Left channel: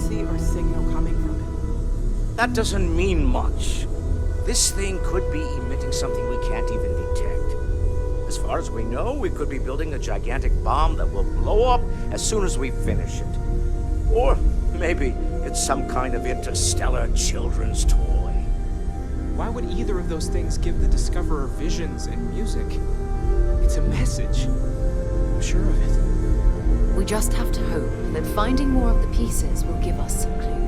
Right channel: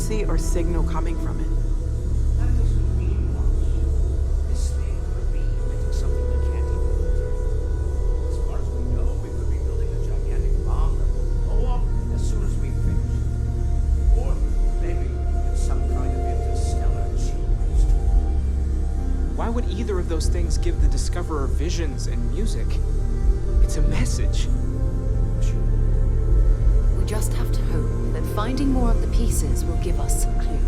frequency or signal coming from it. That doesn't mean much. This thing could be emitting something we can't even detect. As far as we know, we could be building a gigantic bomb that will blow up as soon as we finish it. Or maybe it's some kind of interstellar children's toy. Why would either of those things give the Discoverer visions and music? It's a message. I'm sure of it. We just have to hope that finding more of the pieces will give us some clue.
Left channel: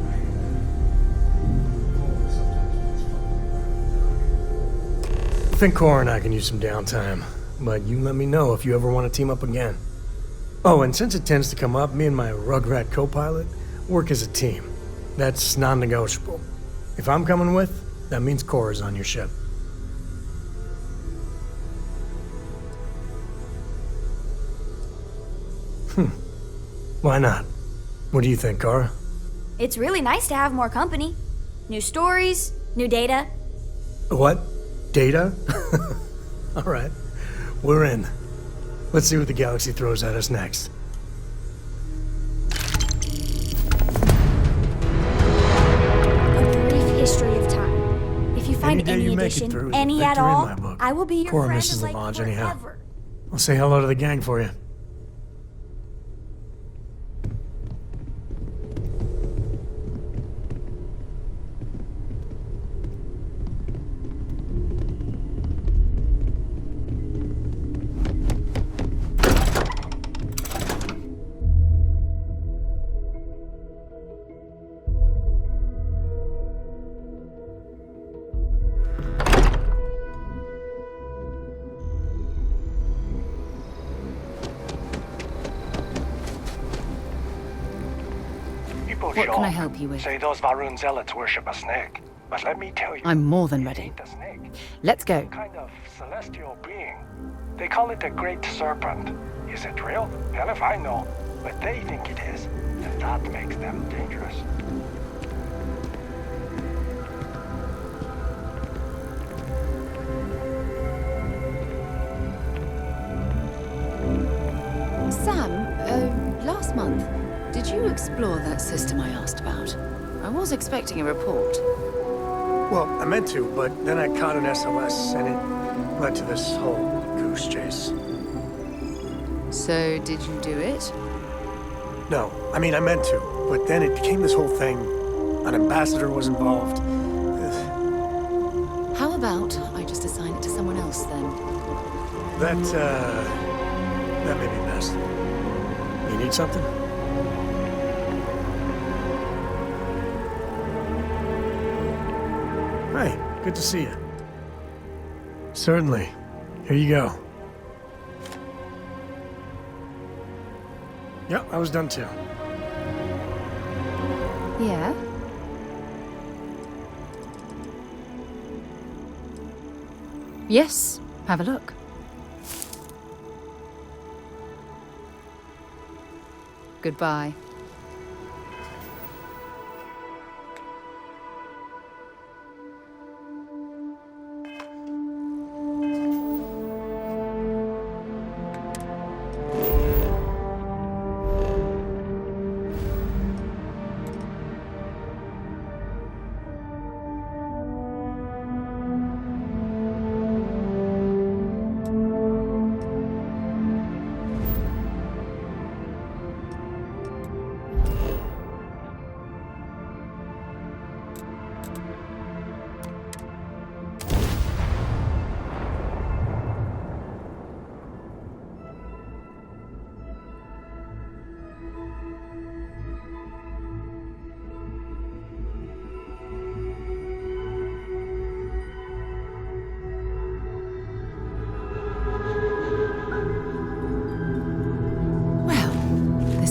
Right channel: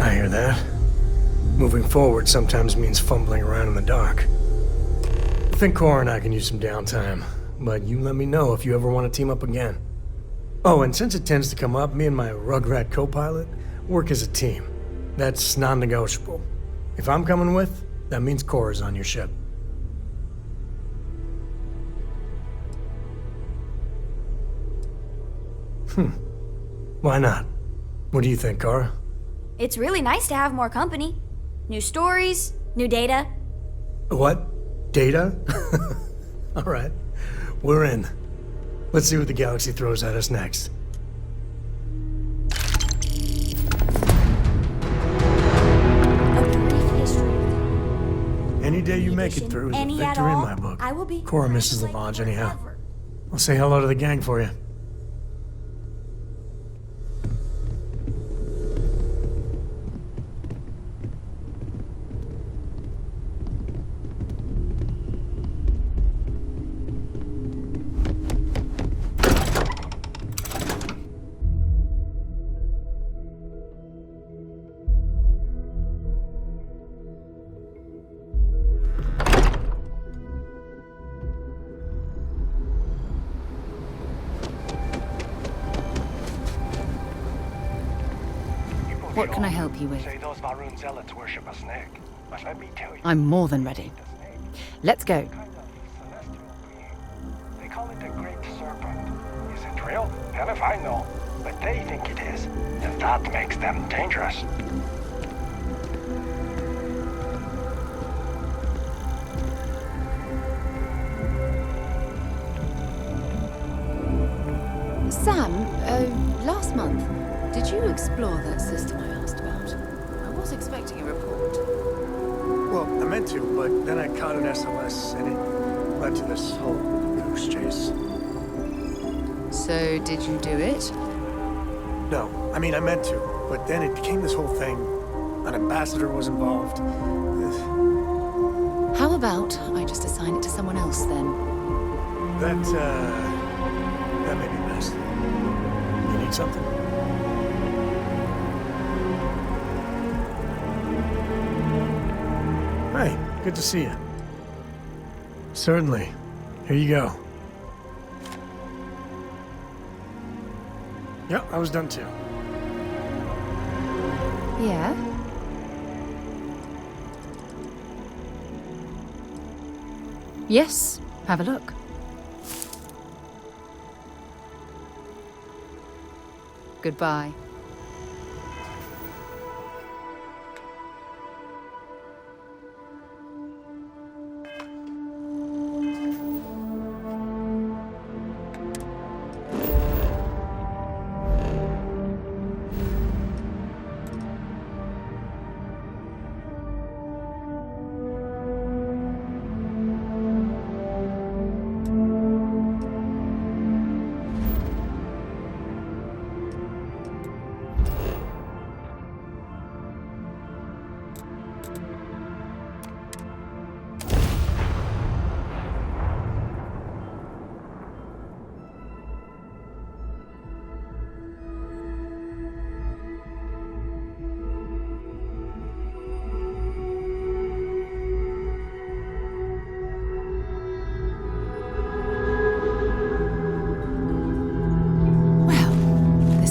I hear that. Moving forward sometimes means fumbling around in the dark. I think Cora and I can use some downtime, but you let me know if you ever want to team up again. Oh, and since it tends to come up, me and my Rugrat co-pilot work as a team. That's non-negotiable. If I'm coming with, that means Cora's on your ship. Why not? What do you think, Cora? It's really nice to have more company. New stories, new data. What? Data? All right. We're in. Let's see what the galaxy throws at us next. A brief history of time. If you find Any day any you make addition, it through is a any at victory in all, my book. I will be your Cora friend misses the like lodge anyhow. forever. I'll say hello to the gang for you. What can I help you with? Say those Varun zealots worship a snake. But let me tell you, I'm more than ready. the snake, Let's go. kind of celestial being. They call it the Great Serpent. Is it real? Hell if I know. But they think it is. And that makes them dangerous. Sam, last month, did you explore that system I asked about? I was expecting a report. Well, I meant to, but then I caught an SOS, and it led to this whole goose chase. So, did you do it? No, I mean, I meant to, but then it became this whole thing. An ambassador was involved. How about I just assign it to someone else then? That may be best. You need something? Hey, good to see you. Certainly. Here you go. Yeah, I was done too. Yeah? Yes, have a look. Goodbye.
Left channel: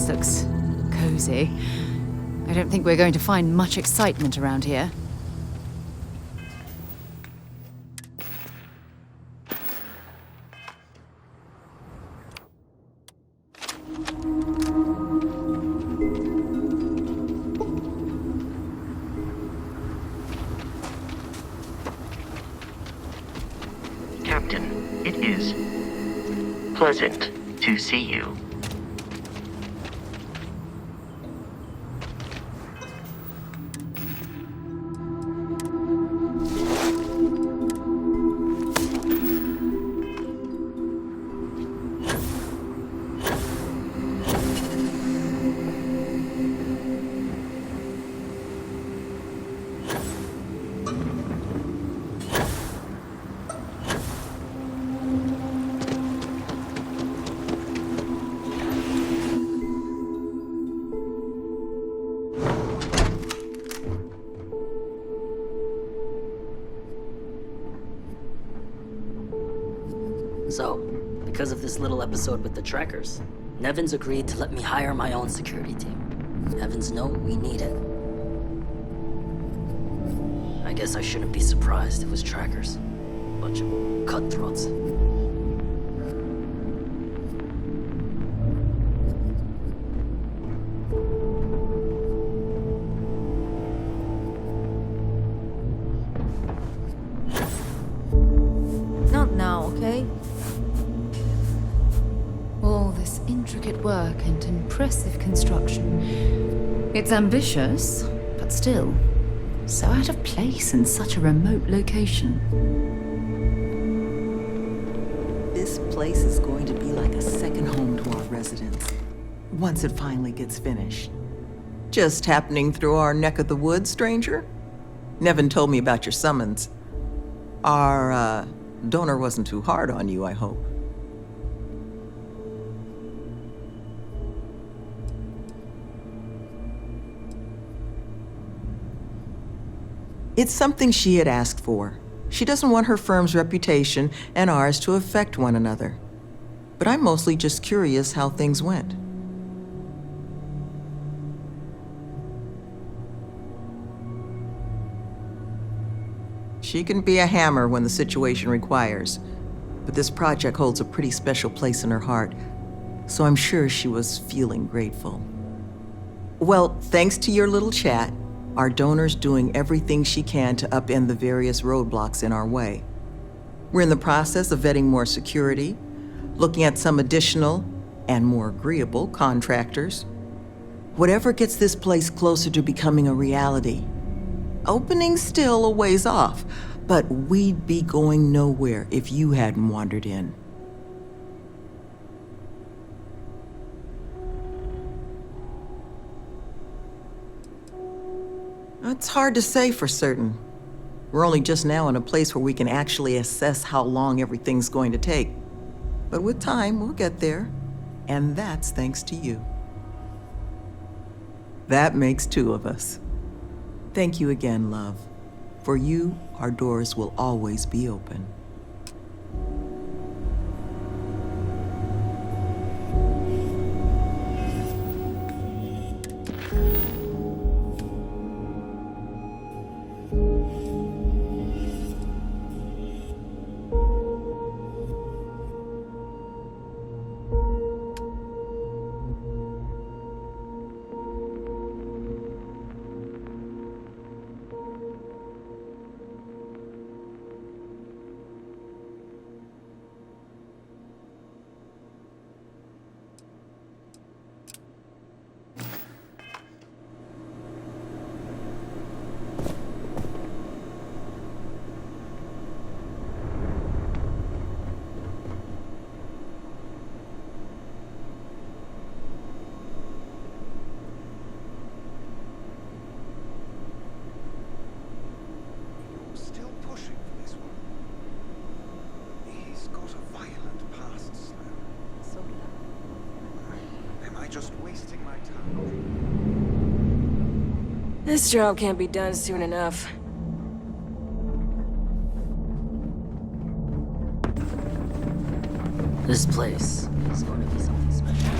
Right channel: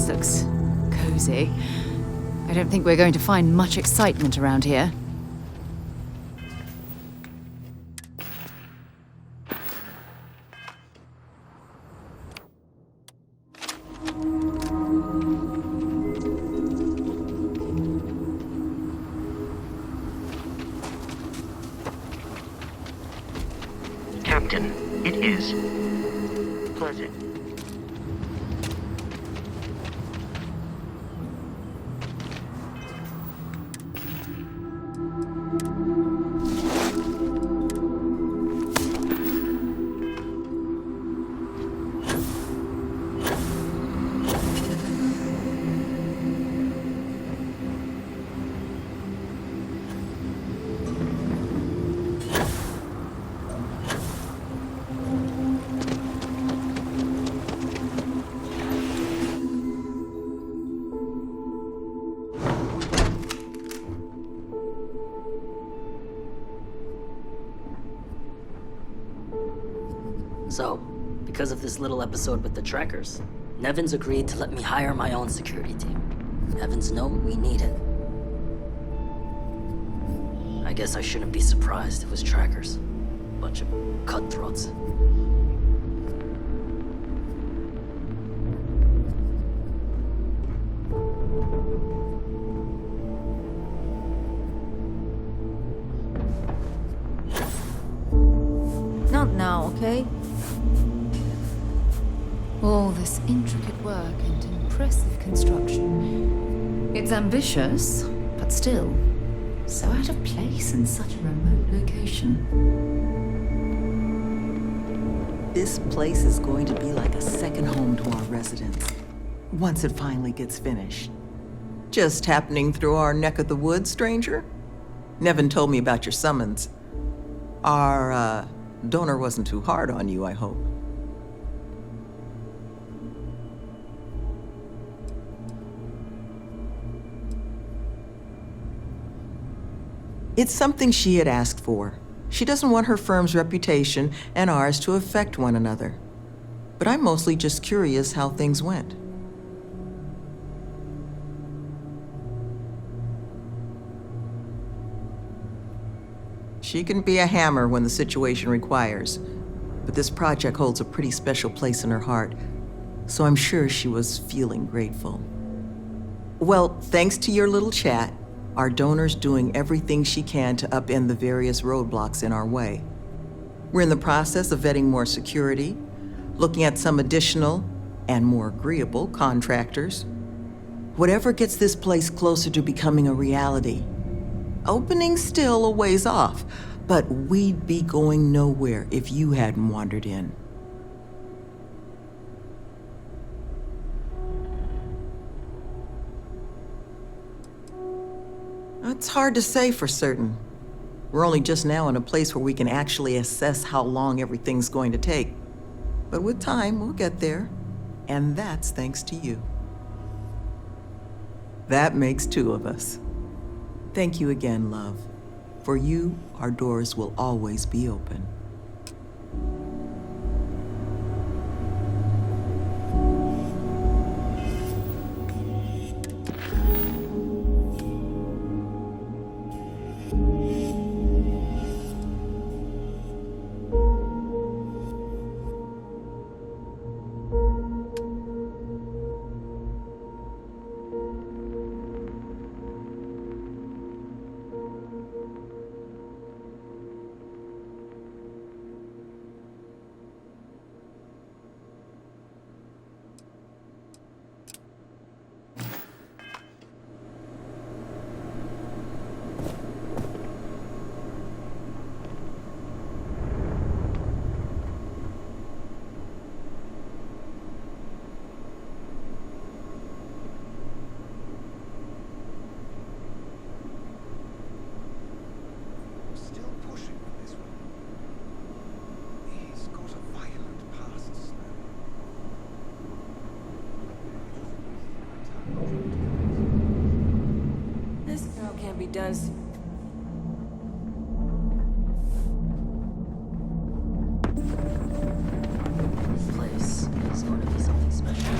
Looks cozy. I don't think we're going to find much excitement around here. Captain, it is pleasant to see you. So, because of this little episode with the trackers, Nevin's agreed to let me hire my own security team. Heavens know we need it. I guess I shouldn't be surprised it was trackers. Bunch of cutthroats. Not now, okay? All this intricate work and impressive construction. It's ambitious, but still, so out of place in such a remote location. This place is going to be like a second home to our residents, once it finally gets finished. Just happening through our neck of the woods, stranger? Nevin told me about your summons. Our, donor wasn't too hard on you, I hope. It's something she had asked for. She doesn't want her firm's reputation and ours to affect one another. But I'm mostly just curious how things went. She can be a hammer when the situation requires, but this project holds a pretty special place in her heart, so I'm sure she was feeling grateful. Well, thanks to your little chat, our donor's doing everything she can to upend the various roadblocks in our way. We're in the process of vetting more security, looking at some additional and more agreeable contractors. Whatever gets this place closer to becoming a reality. Opening's still a ways off, but we'd be going nowhere if you hadn't wandered in. It's hard to say for certain. We're only just now in a place where we can actually assess how long everything's going to take. But with time, we'll get there. And that's thanks to you. That makes two of us. Thank you again, love. For you, our doors will always be open. Still pushing for this one. He's got a violent past, Slim. Am I just wasting my time? This job can't be done soon enough. This place is going to be something special.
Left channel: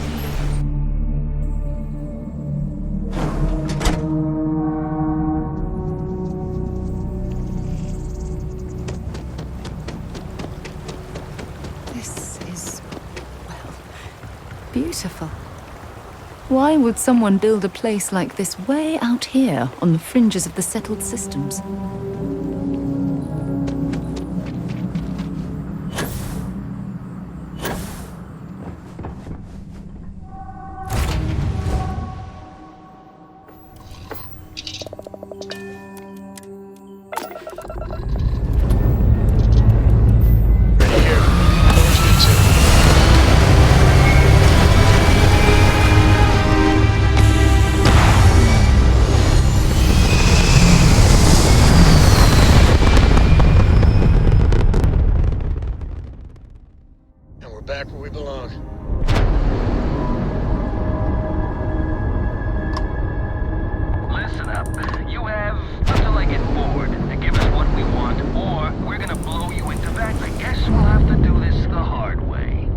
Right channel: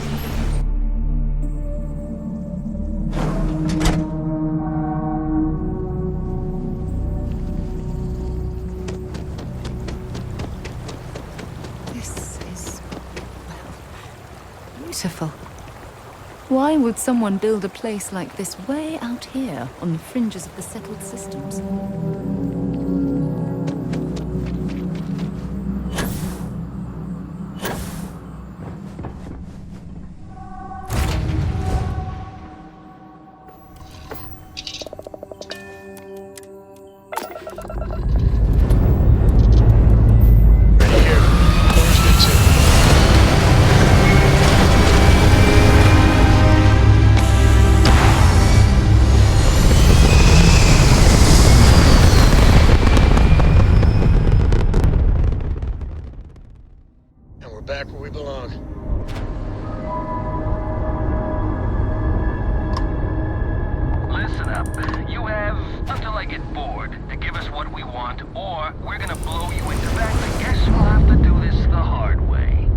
This is, well, beautiful. Why would someone build a place like this way out here on the fringes of the settled systems? Back where we belong. Listen up. You have until I get bored to give us what we want, or we're gonna blow you into that. I guess we'll have to do this this the hard way.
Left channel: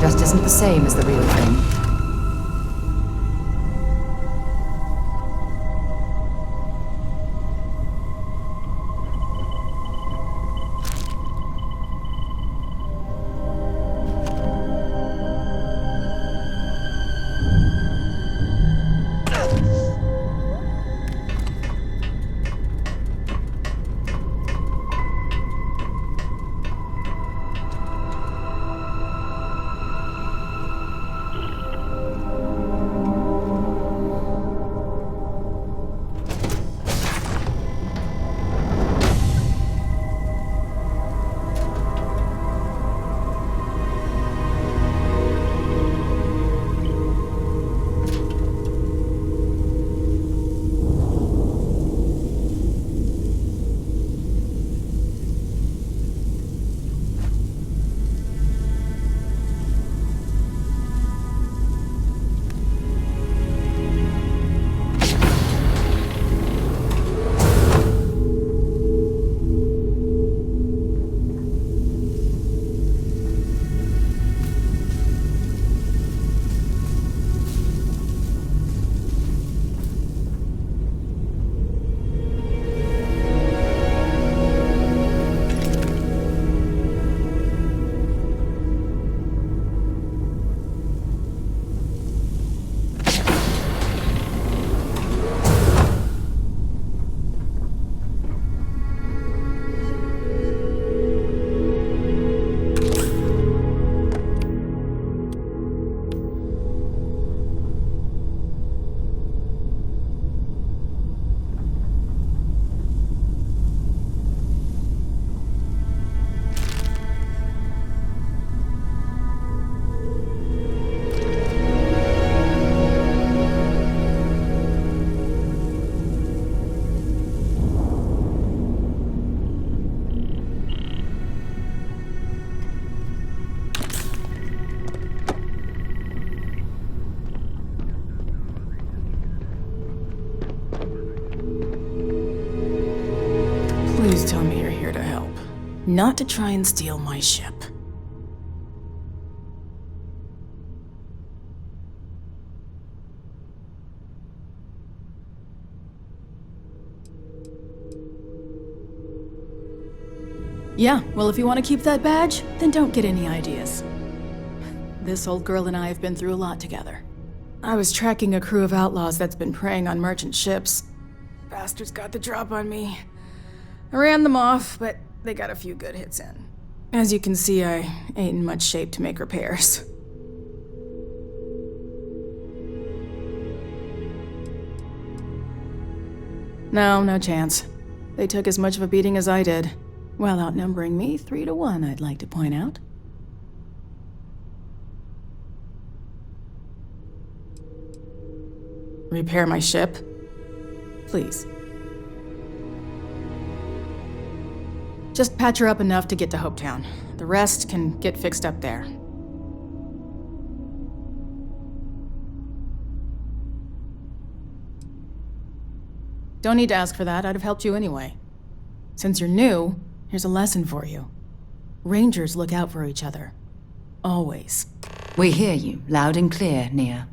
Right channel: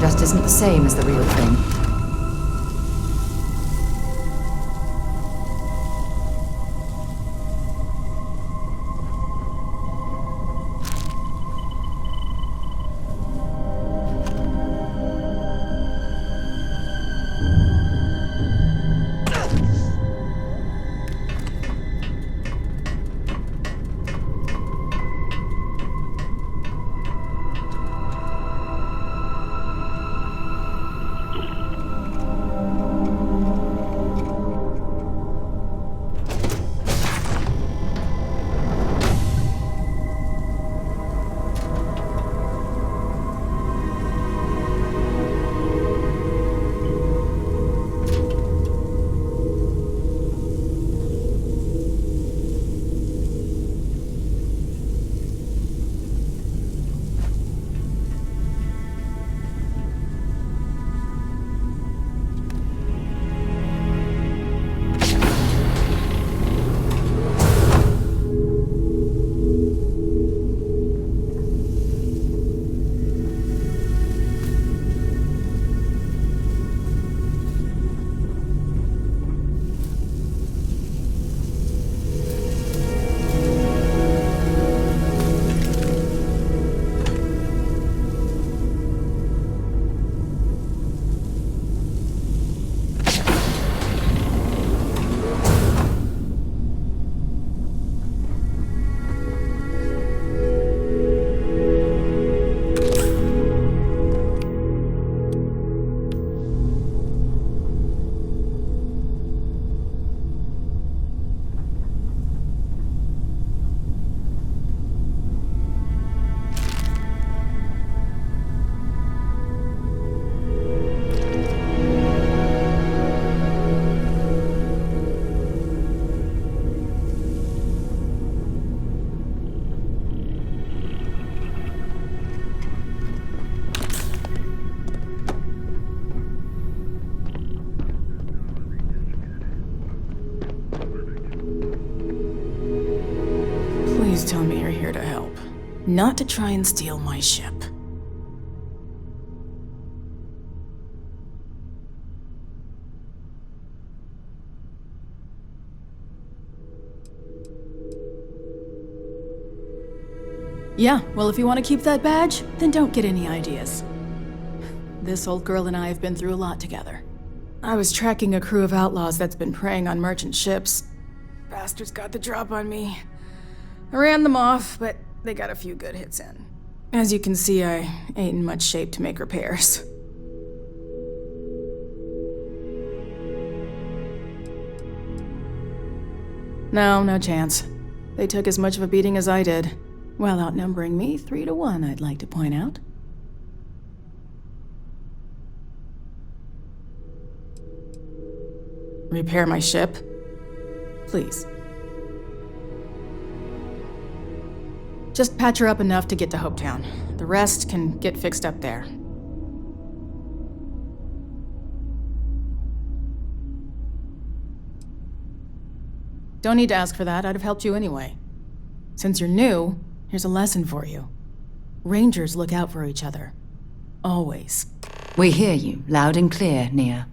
Just isn't the same as the real thing. Please tell me you're here to help, not to try and steal my ship. Yeah, well, if you want to keep that badge, then don't get any ideas. This old girl and I have been through a lot together. I was tracking a crew of outlaws that's been preying on merchant ships. Bastards got the drop on me. I ran them off, but they got a few good hits in. As you can see, I ain't in much shape to make repairs. No chance. They took as much of a beating as I did. While outnumbering me 3-1, I'd like to point out. Repair my ship? Please. Just patch her up enough to get to Hopetown. The rest can get fixed up there. Don't need to ask for that, I'd have helped you anyway. Since you're new, here's a lesson for you. Rangers look out for each other. Always. We hear you, loud and clear, Nia.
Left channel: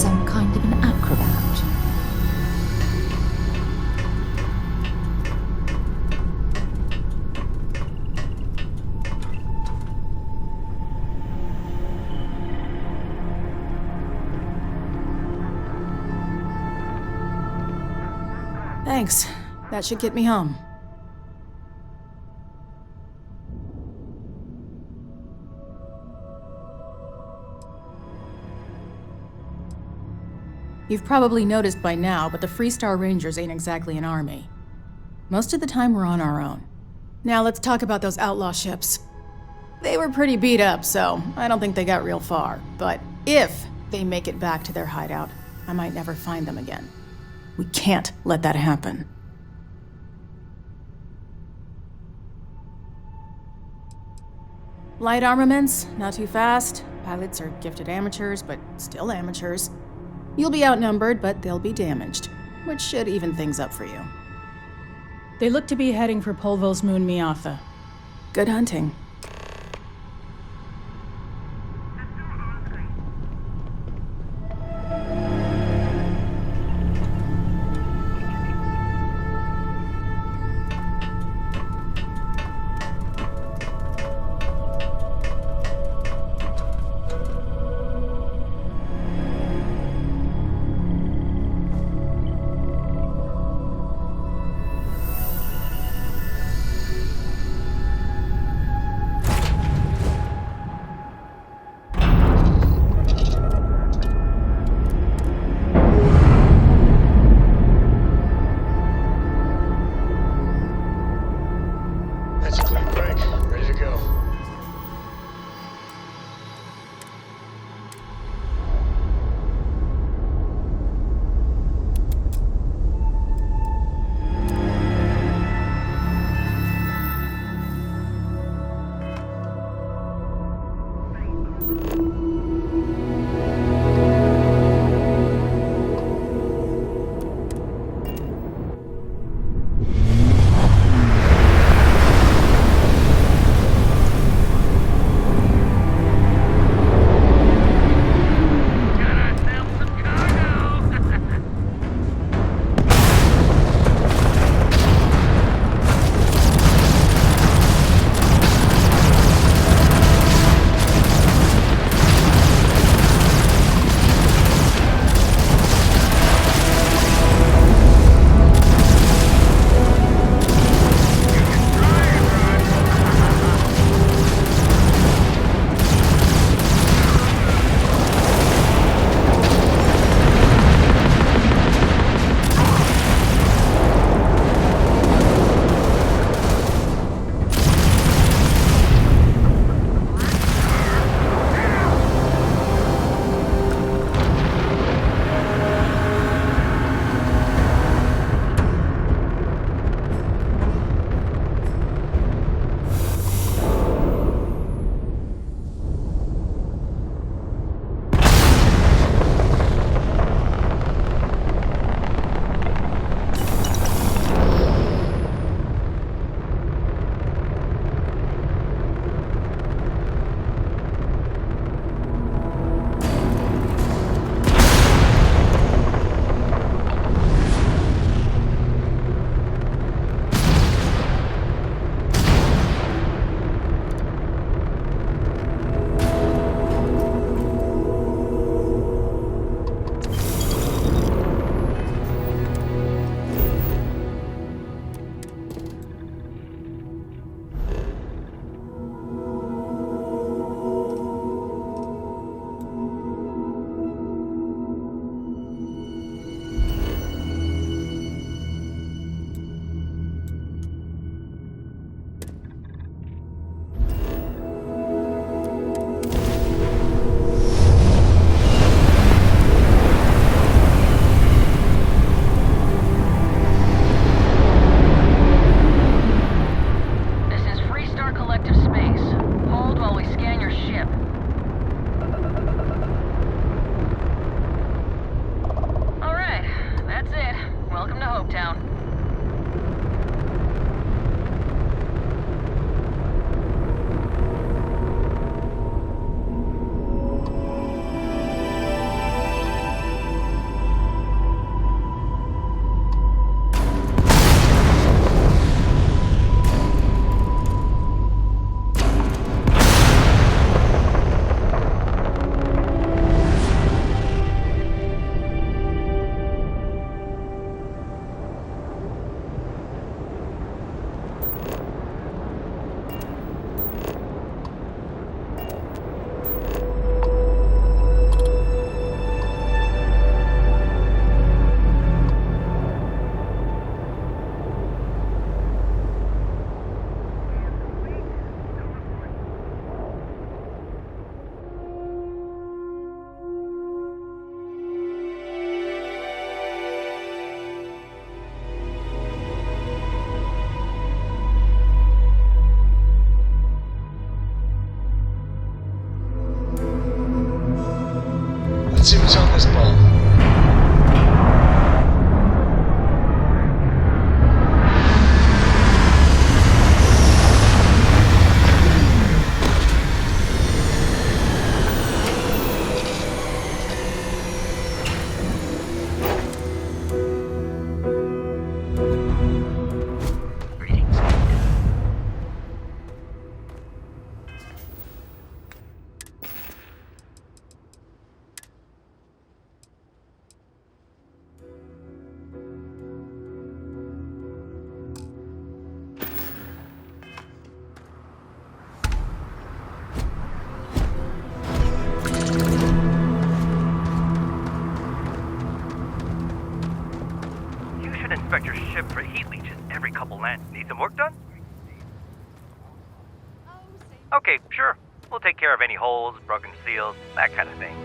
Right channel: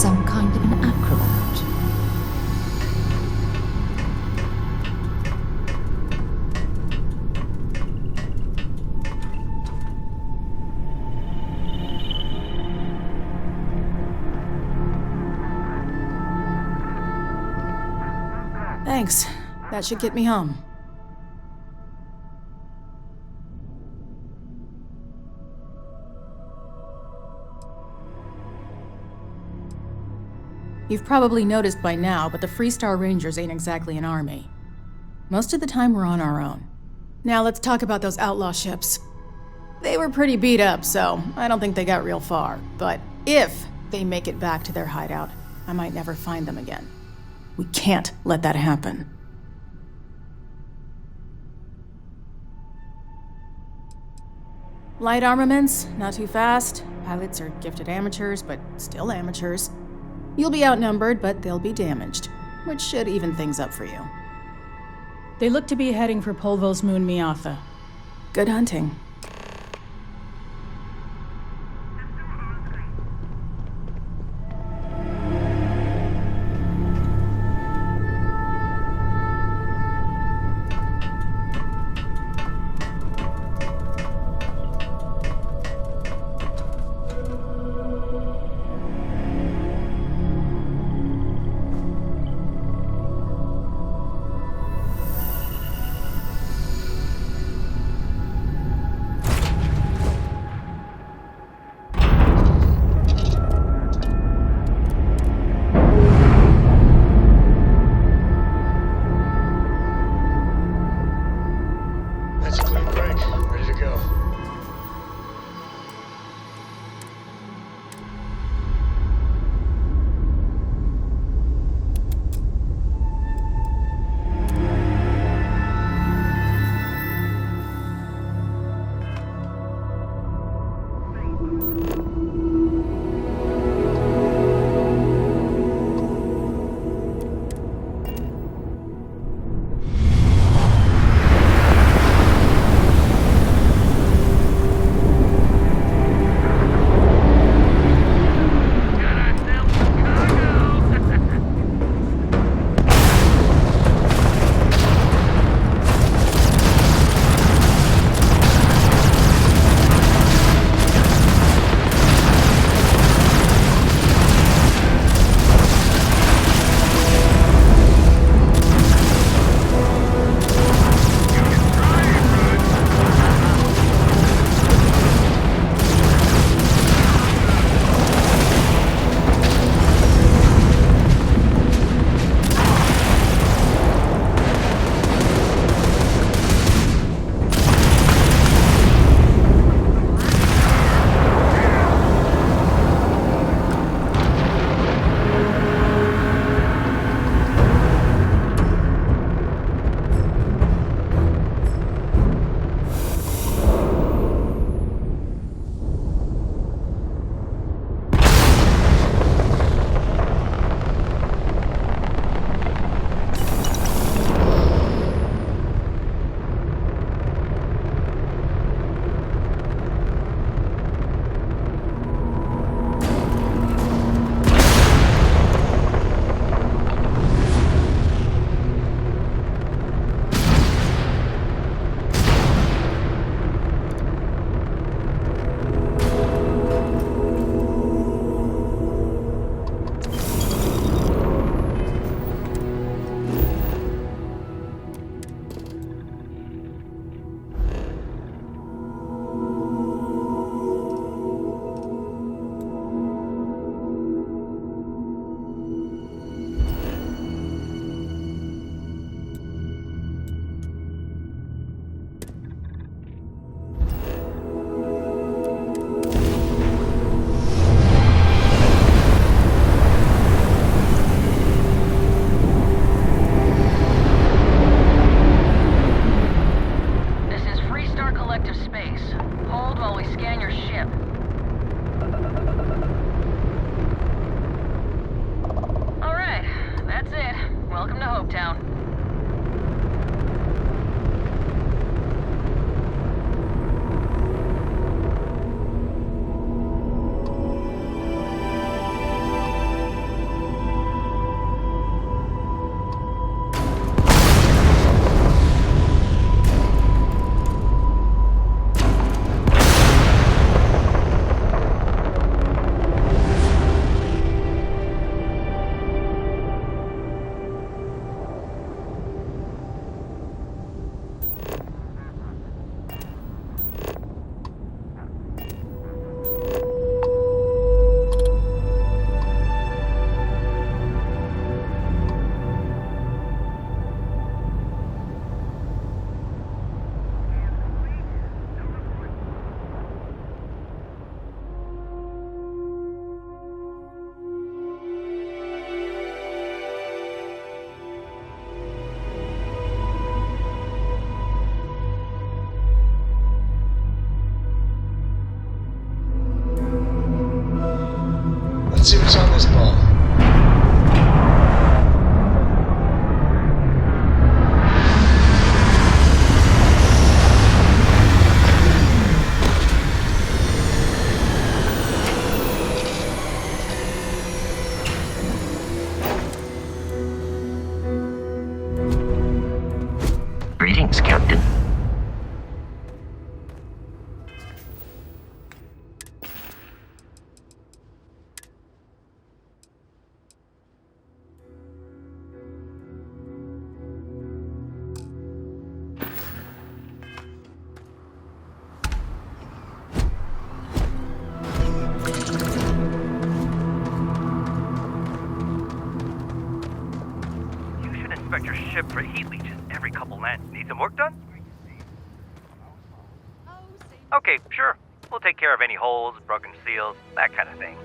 some kind of an acrobat. Thanks. That should get me home. You've probably noticed by now, but the Freestar Rangers ain't exactly an army. Most of the time we're on our own. Now let's talk about those outlaw ships. They were pretty beat up, so I don't think they got real far. But if they make it back to their hideout, I might never find them again. We can't let that happen. Light armaments, not too fast. Pilots are gifted amateurs, but still amateurs. You'll be outnumbered, but they'll be damaged, which should even things up for you. They look to be heading for Polvo's moon Miatha. Good hunting. That's a clean break. Ready to go. Let's see what's on this ball. Greetings, Captain. You should inspect your ship for heat leeches every couple lands. Need some work done? Okay, sure. We'll take care of any holes, broken seals, that kind of thing.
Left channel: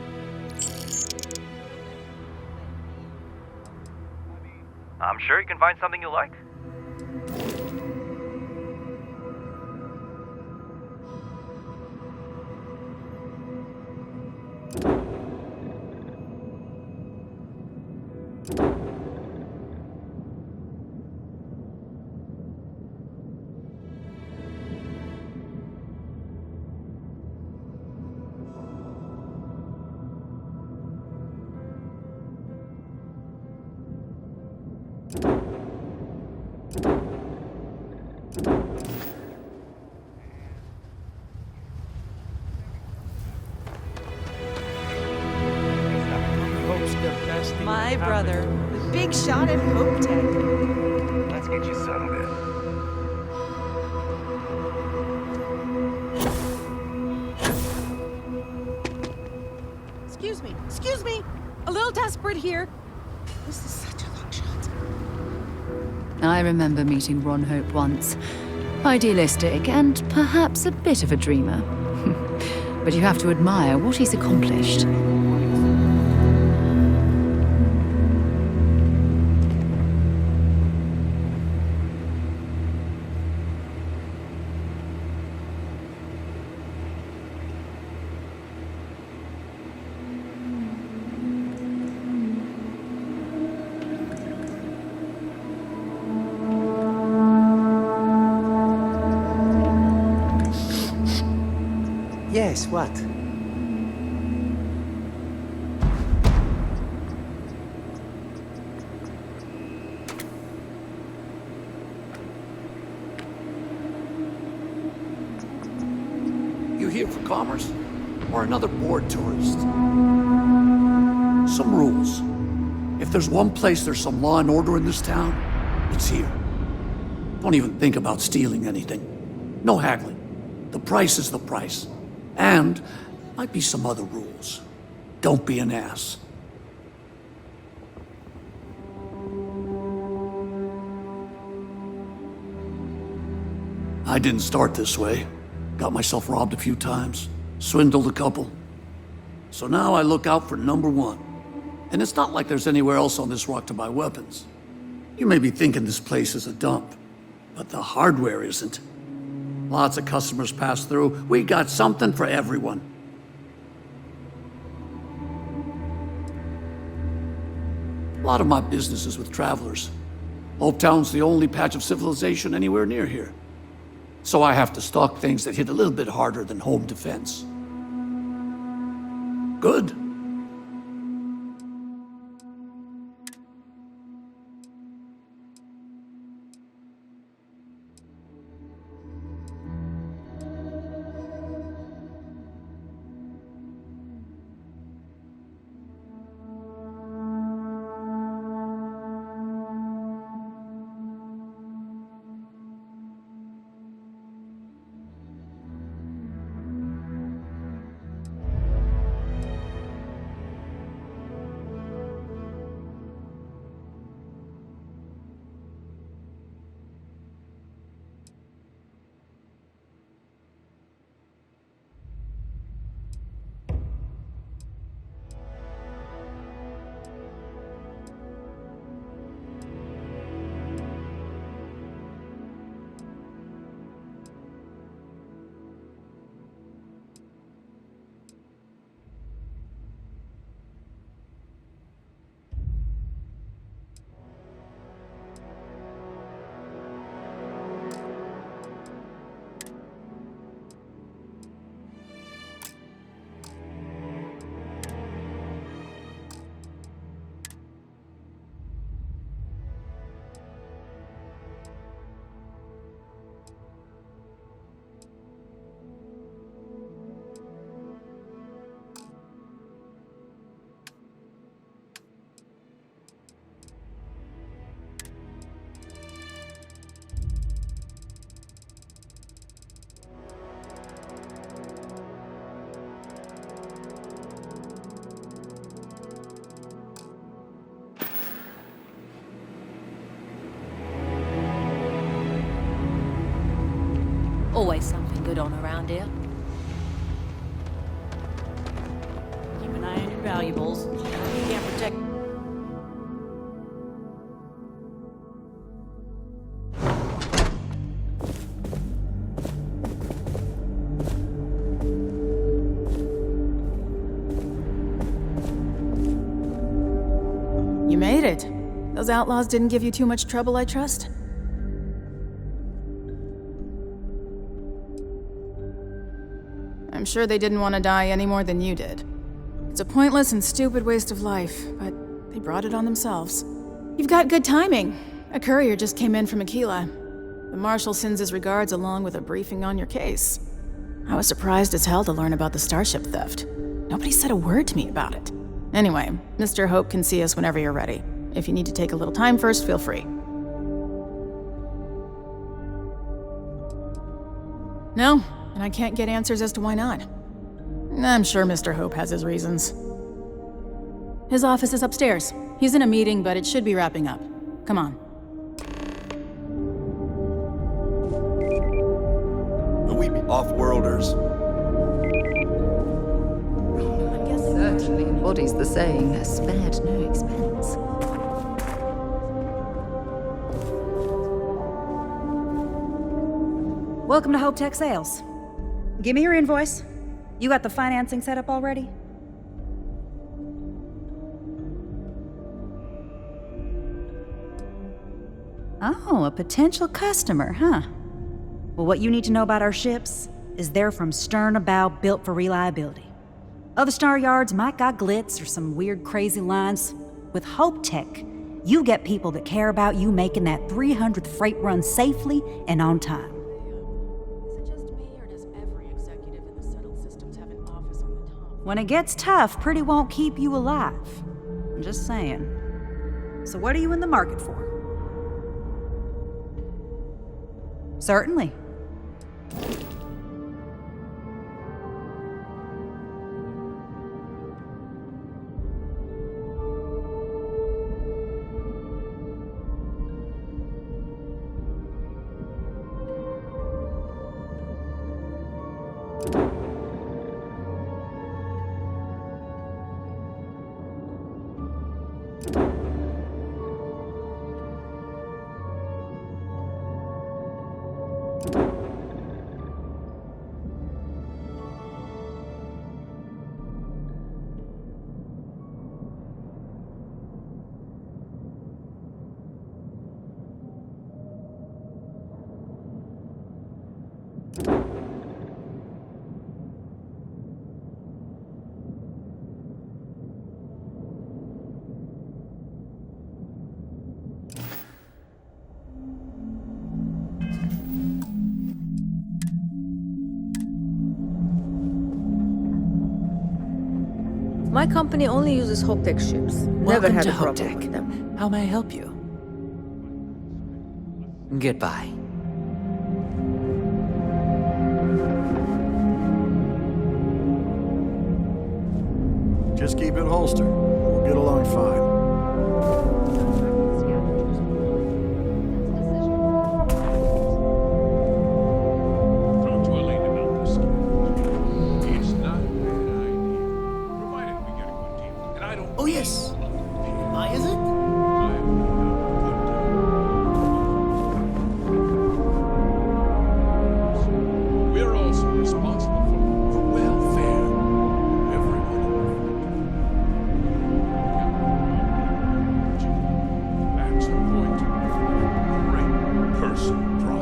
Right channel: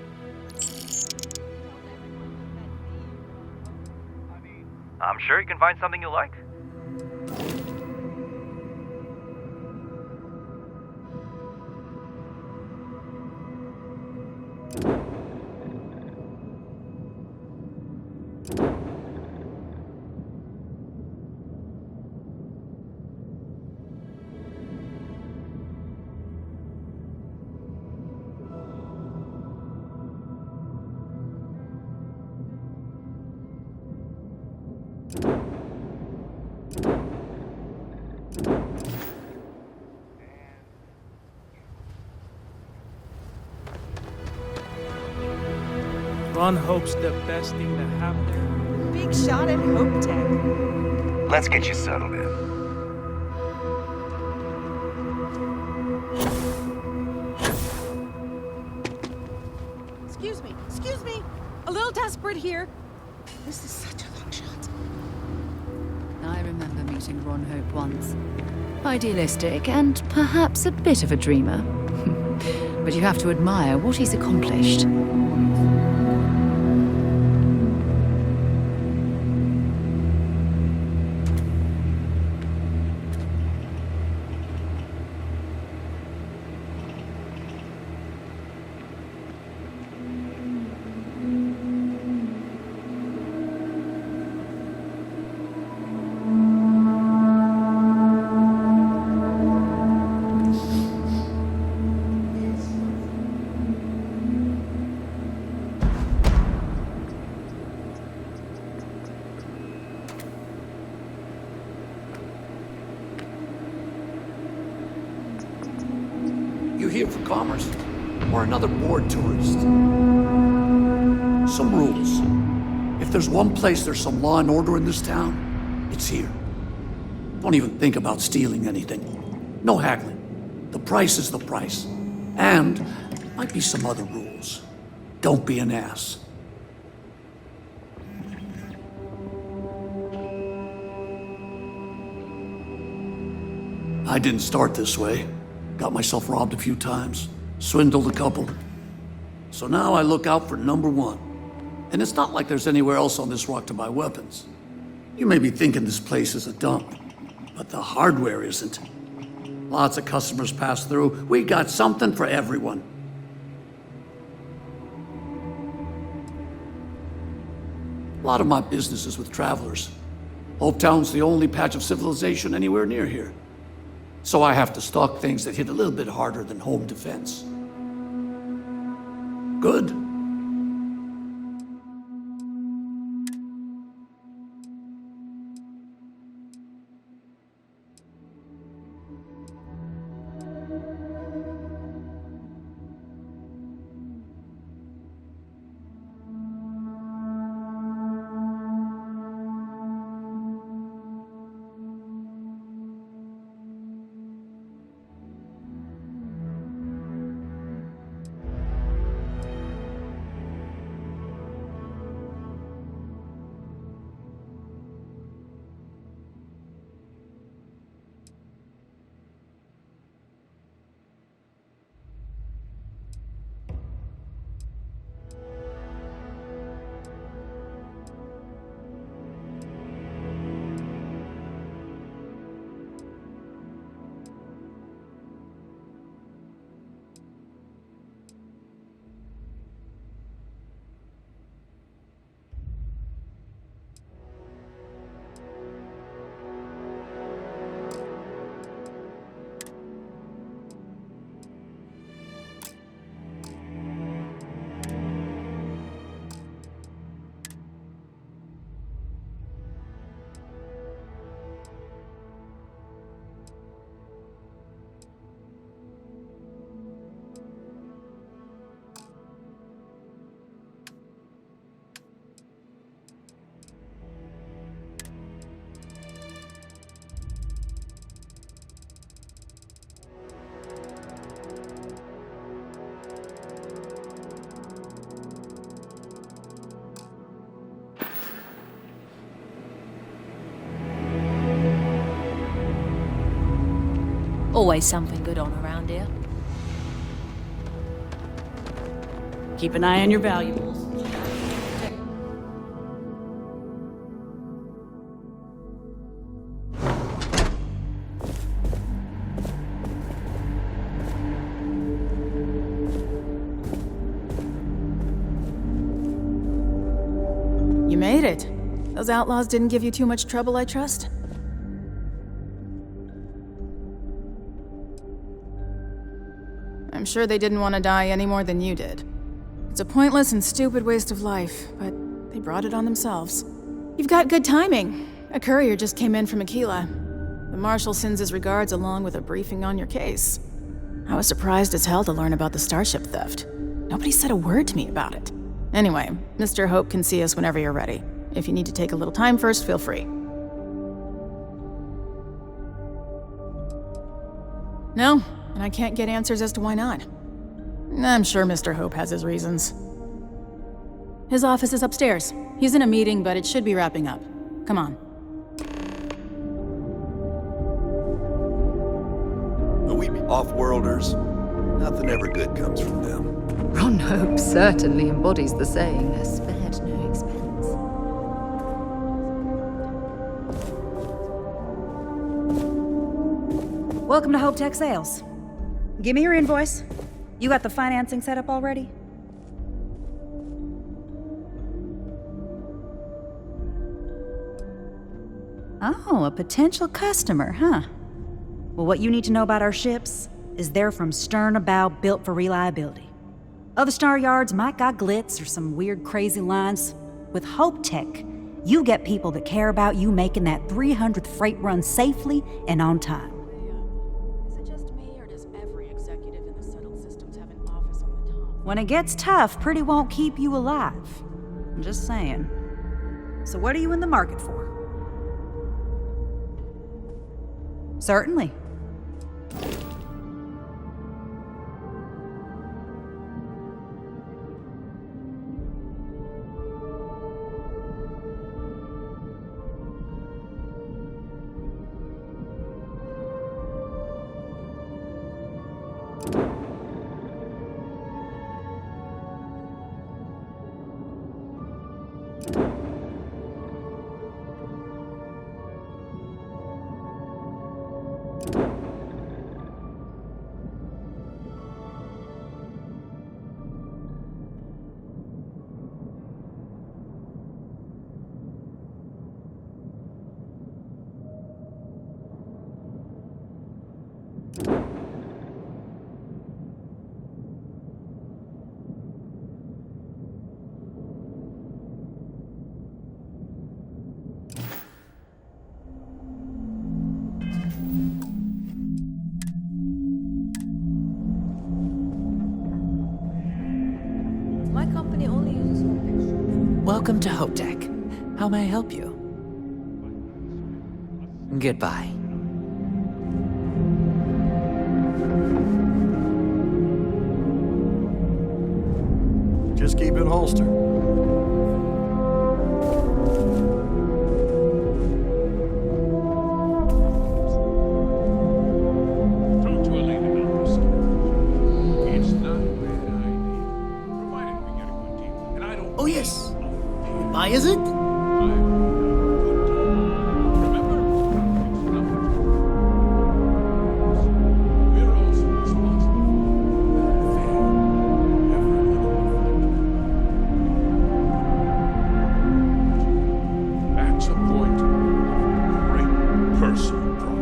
I'm sure you can find something you like. Ron Hope's the best thing My that brother, happened. the big shot at Hope Tech. Let's get you settled in. Excuse me. A little desperate here. This is such a long shot. I remember meeting Ron Hope once. Idealistic and perhaps a bit of a dreamer. But you have to admire what he's accomplished. Yes, what? You here for commerce? Or another bored tourist? Some rules. If there's one place there's some law and order in this town, it's here. Don't even think about stealing anything. No haggling. The price is the price. And might be some other rules. Don't be an ass. I didn't start this way. Got myself robbed a few times, swindled a couple. So now I look out for number one. And it's not like there's anywhere else on this rock to buy weapons. You may be thinking this place is a dump, but the hardware isn't. Lots of customers pass through. We got something for everyone. A lot of my business is with travelers. Hope Town's the only patch of civilization anywhere near here. So I have to stock things that hit a little bit harder than home defense. Good. Always something good on around here. Keep an eye on your valuables. You can't protect. You made it. Those outlaws didn't give you too much trouble, I trust? I'm sure they didn't want to die any more than you did. It's a pointless and stupid waste of life, but they brought it on themselves. You've got good timing. A courier just came in from Aquila. The Marshal sends his regards along with a briefing on your case. I was surprised as hell to learn about the starship theft. Nobody said a word to me about it. Anyway, Mr. Hope can see us whenever you're ready. If you need to take a little time first, feel free. No, and I can't get answers as to why not. I'm sure Mr. Hope has his reasons. His office is upstairs. He's in a meeting, but it should be wrapping up. Come on. We be off-worlders. Nothing ever good comes from them. Ron Hope certainly embodies the saying, spared no expense. Welcome to Hope Tech Sales. Give me your invoice. You got the financing set up already? Oh, a potential customer, huh? Well, what you need to know about our ships is they're from stern to bow, built for reliability. Other star yards might got glitz or some weird crazy lines. With Hope Tech, you get people that care about you making that 300th freight run safely and on time. When it gets tough, Pretty won't keep you alive. I'm just saying. So what are you in the market for? Certainly. My company only uses Hope Tech ships. Welcome to Hope Tech. How may I help you? Goodbye. Just keep it holstered. We'll get along fine. Talk to Elaine about this. It's not a bad idea. Provided we get a good deal. And I don't. Oh, yes. Why is it? We're also responsible for the welfare of everyone in the fleet. That's a point of great personal pride.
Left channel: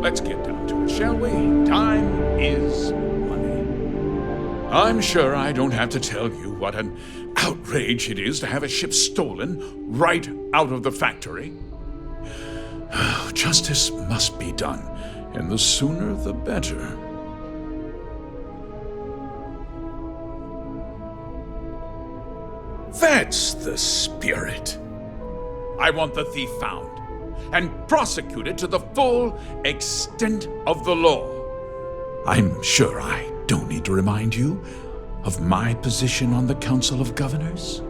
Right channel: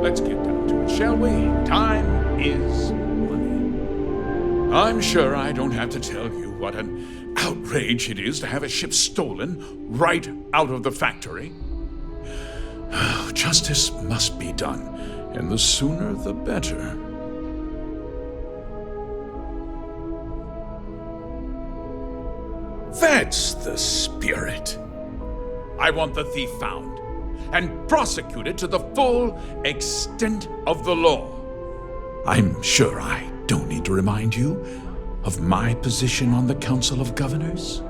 Let's get down to it, shall we? Time is money. I'm sure I don't have to tell you what an outrage it is to have a ship stolen right out of the factory. Justice must be done, and the sooner the better. That's the spirit. I want the thief found and prosecuted to the full extent of the law. I'm sure I don't need to remind you of my position on the Council of Governors.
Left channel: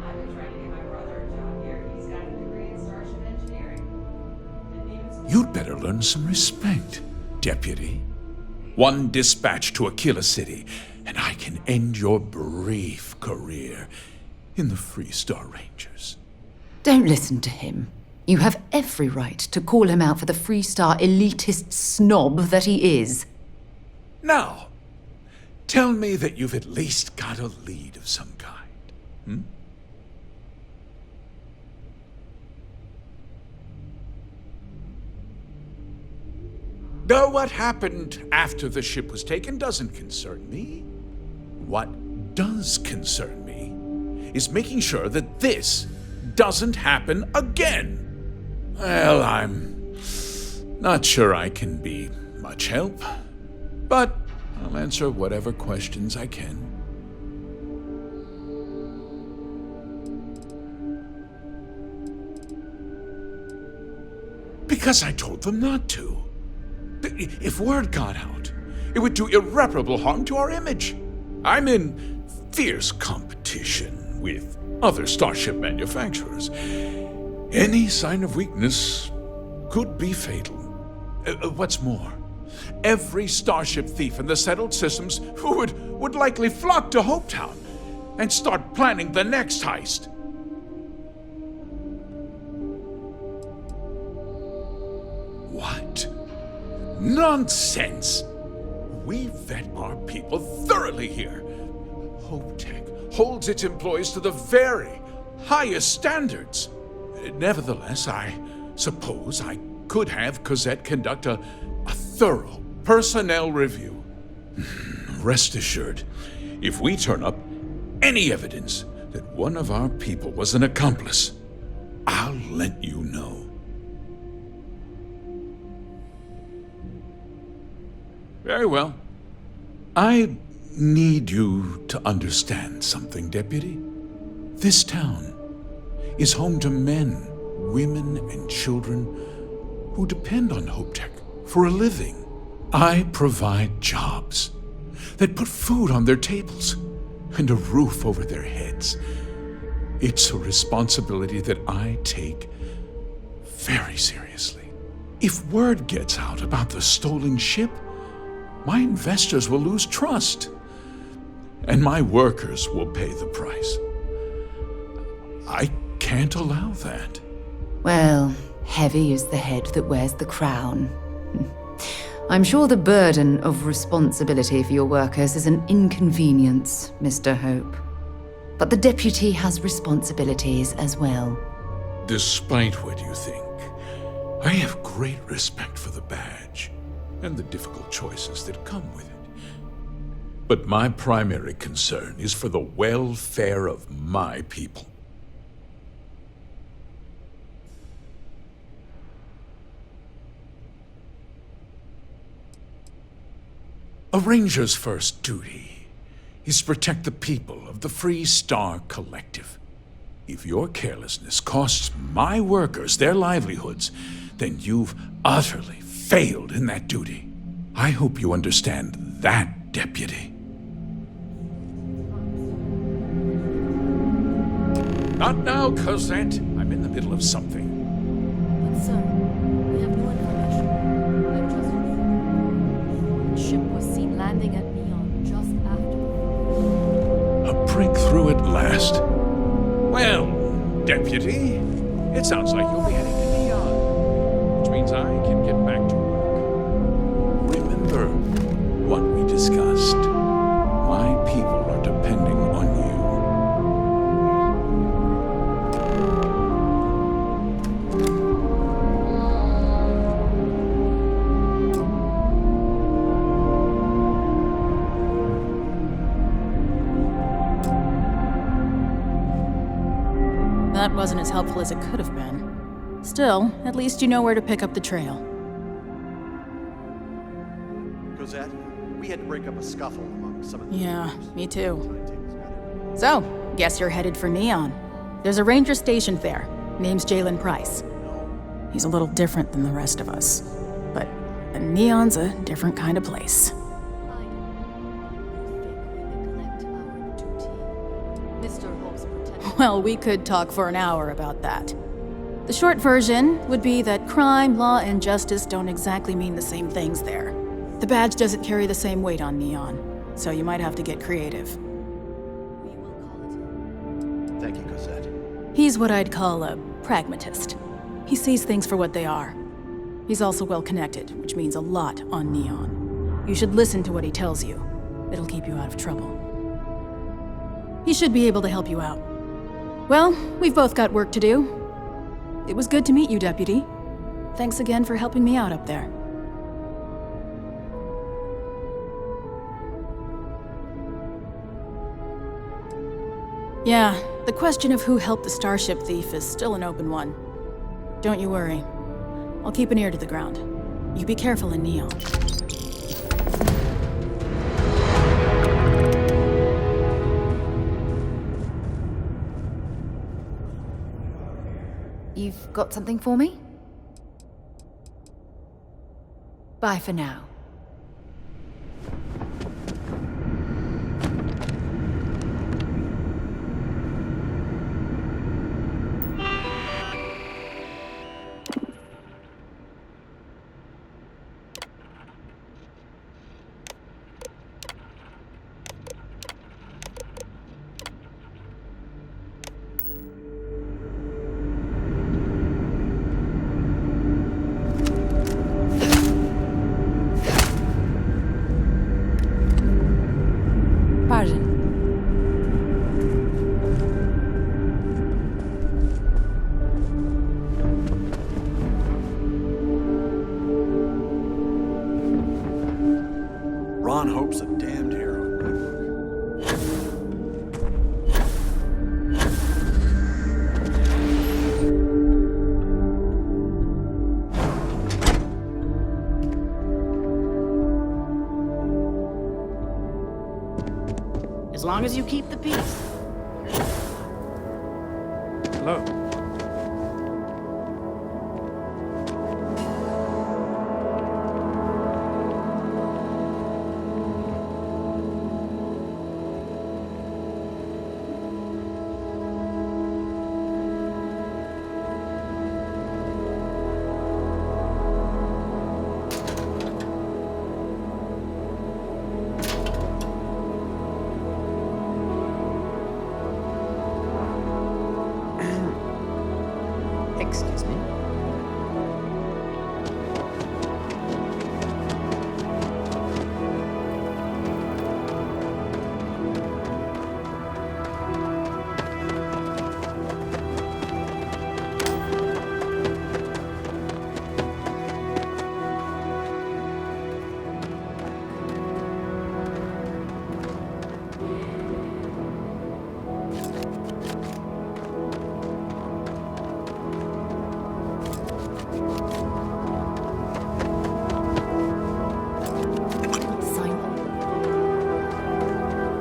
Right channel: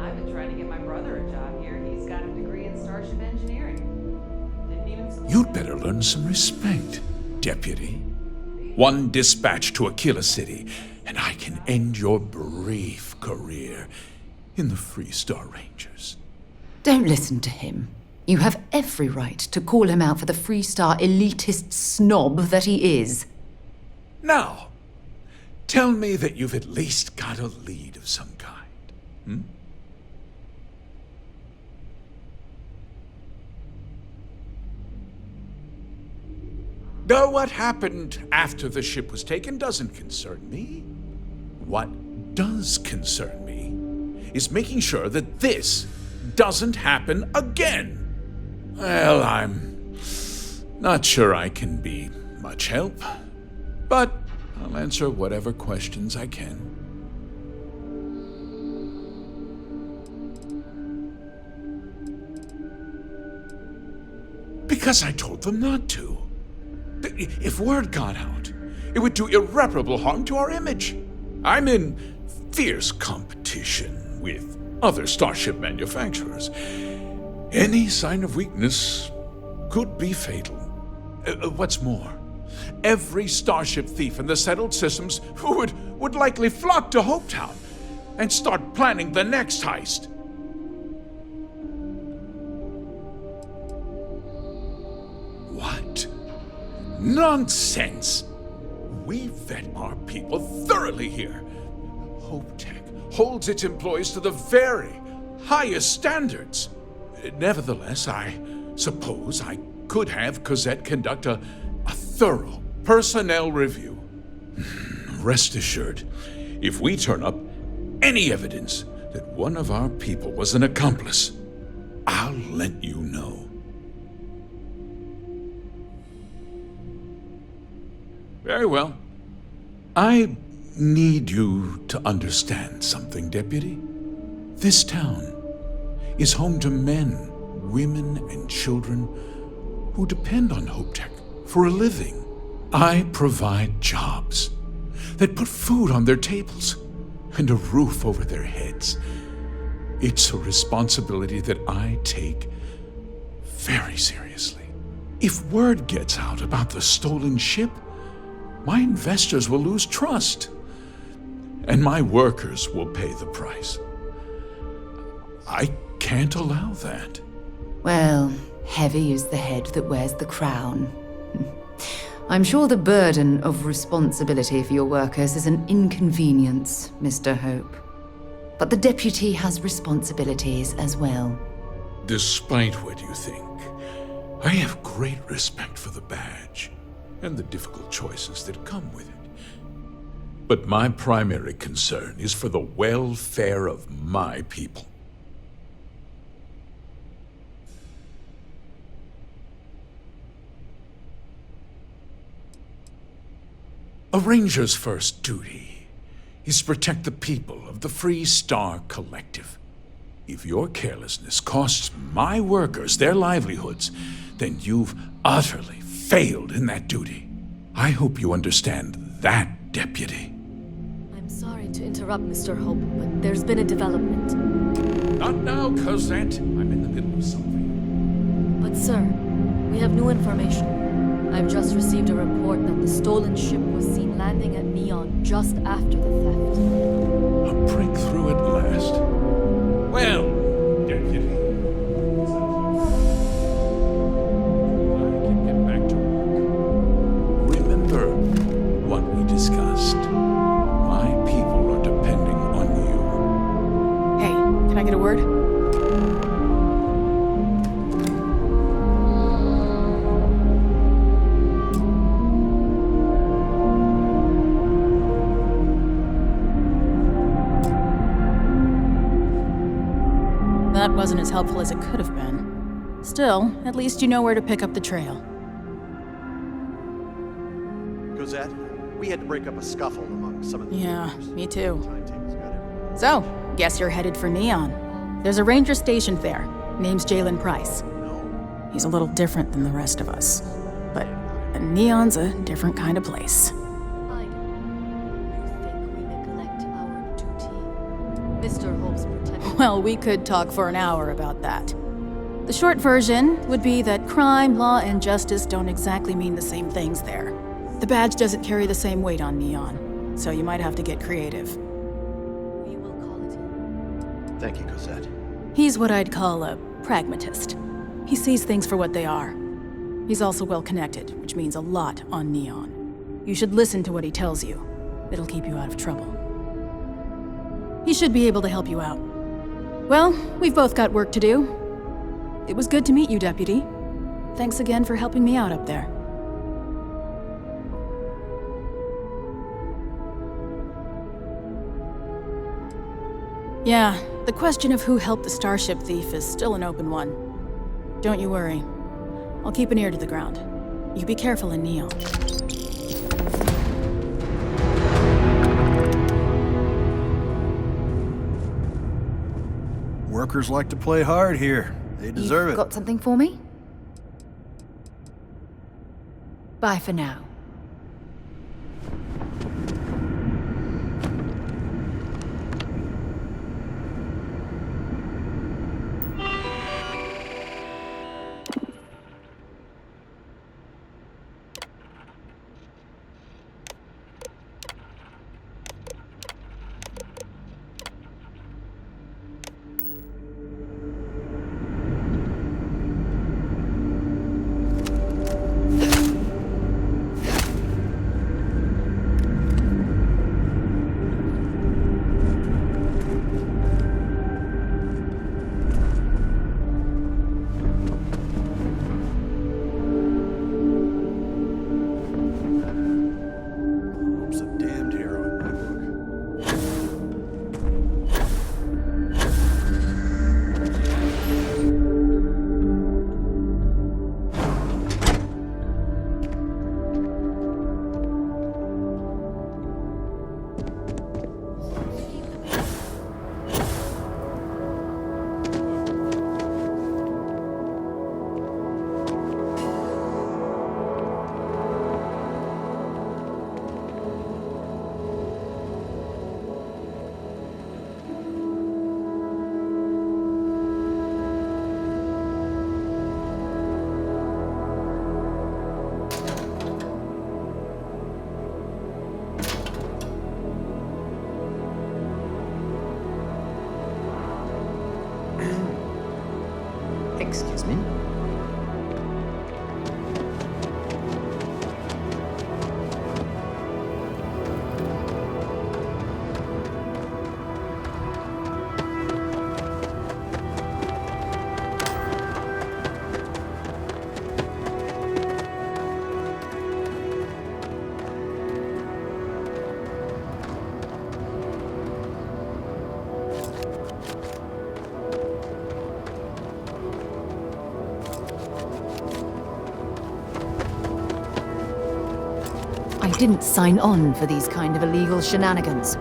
I've been trying to get my brother a job here. He's got a degree in Starship Engineering. Didn't even... You'd better learn some respect, Deputy. One dispatch to Aquila City, and I can end your brief career in the Freestar Rangers. Don't listen to him. You have every right to call him out for the Freestar elitist snob that he is. Now, tell me that you've at least got a lead of some kind. Though what happened after the ship was taken doesn't concern me. What does concern me is making sure that this doesn't happen again. Well, I'm not sure I can be much help, but I'll answer whatever questions I can. Because I told them not to. If word got out, it would do irreparable harm to our image. I'm in fierce competition with other starship manufacturers. Any sign of weakness could be fatal. What's more, every starship thief in the settled systems would likely flock to Hopetown and start planning the next heist. What? Nonsense! We vet our people thoroughly here. HopeTech holds its employees to the very highest standards. Nevertheless, I suppose I could have Cosette conduct a thorough personnel review. Rest assured, if we turn up any evidence that one of our people was an accomplice, I'll let you know. Very well. I need you to understand something, Deputy. This town is home to men, women, and children who depend on HopeTech for a living. I provide jobs that put food on their tables and a roof over their heads. It's a responsibility that I take very seriously. If word gets out about the stolen ship, my investors will lose trust, and my workers will pay the price. I can't allow that. Well, heavy is the head that wears the crown. I'm sure the burden of responsibility for your workers is an inconvenience, Mr. Hope. But the deputy has responsibilities as well. Despite what you think, I have great respect for the badge and the difficult choices that come with it. But my primary concern is for the welfare of my people. A ranger's first duty is to protect the people of the Freestar Collective. If your carelessness costs my workers their livelihoods, then you've utterly failed in that duty. I hope you understand that, Deputy. I'm sorry to interrupt, Mr. Hope, but there's been a development. Not now, Cosette. I'm in the middle of something. But sir, we have new information. I've just received a report that the stolen ship was seen landing at Neon just after the theft. A breakthrough at last. Well, Deputy, it sounds like you'll be heading to Neon, which means I can get back to work. Remember what we discussed. My people are depending on you. Hey, can I get a word? that wasn't as helpful as it could have been. Still, at least you know where to pick up the trail. Cosette, we had to break up a scuffle among some of the... Yeah, me too. So, guess you're headed for Neon. There's a ranger stationed there. Name's Jalen Price. He's a little different than the rest of us. But Neon's a different kind of place. Mr. Hope's protected. Well, we could talk for an hour about that. The short version would be that crime, law, and justice don't exactly mean the same things there. The badge doesn't carry the same weight on Neon, so you might have to get creative. We will call it in. Thank you, Cosette. He's what I'd call a pragmatist. He sees things for what they are. He's also well-connected, which means a lot on Neon. You should listen to what he tells you. It'll keep you out of trouble. He should be able to help you out. Well, we've both got work to do. It was good to meet you, Deputy. Thanks again for helping me out up there. Yeah, the question of who helped the Starship thief is still an open one. Don't you worry. I'll keep an ear to the ground. You be careful in Neon. Workers like to play hard here. They deserve You've it. got something for me? Bye for now. Ron Hope's a damned hero in my book. As long as you keep the peace. Oh. Excuse me? I didn't sign on for these kind of illegal shenanigans.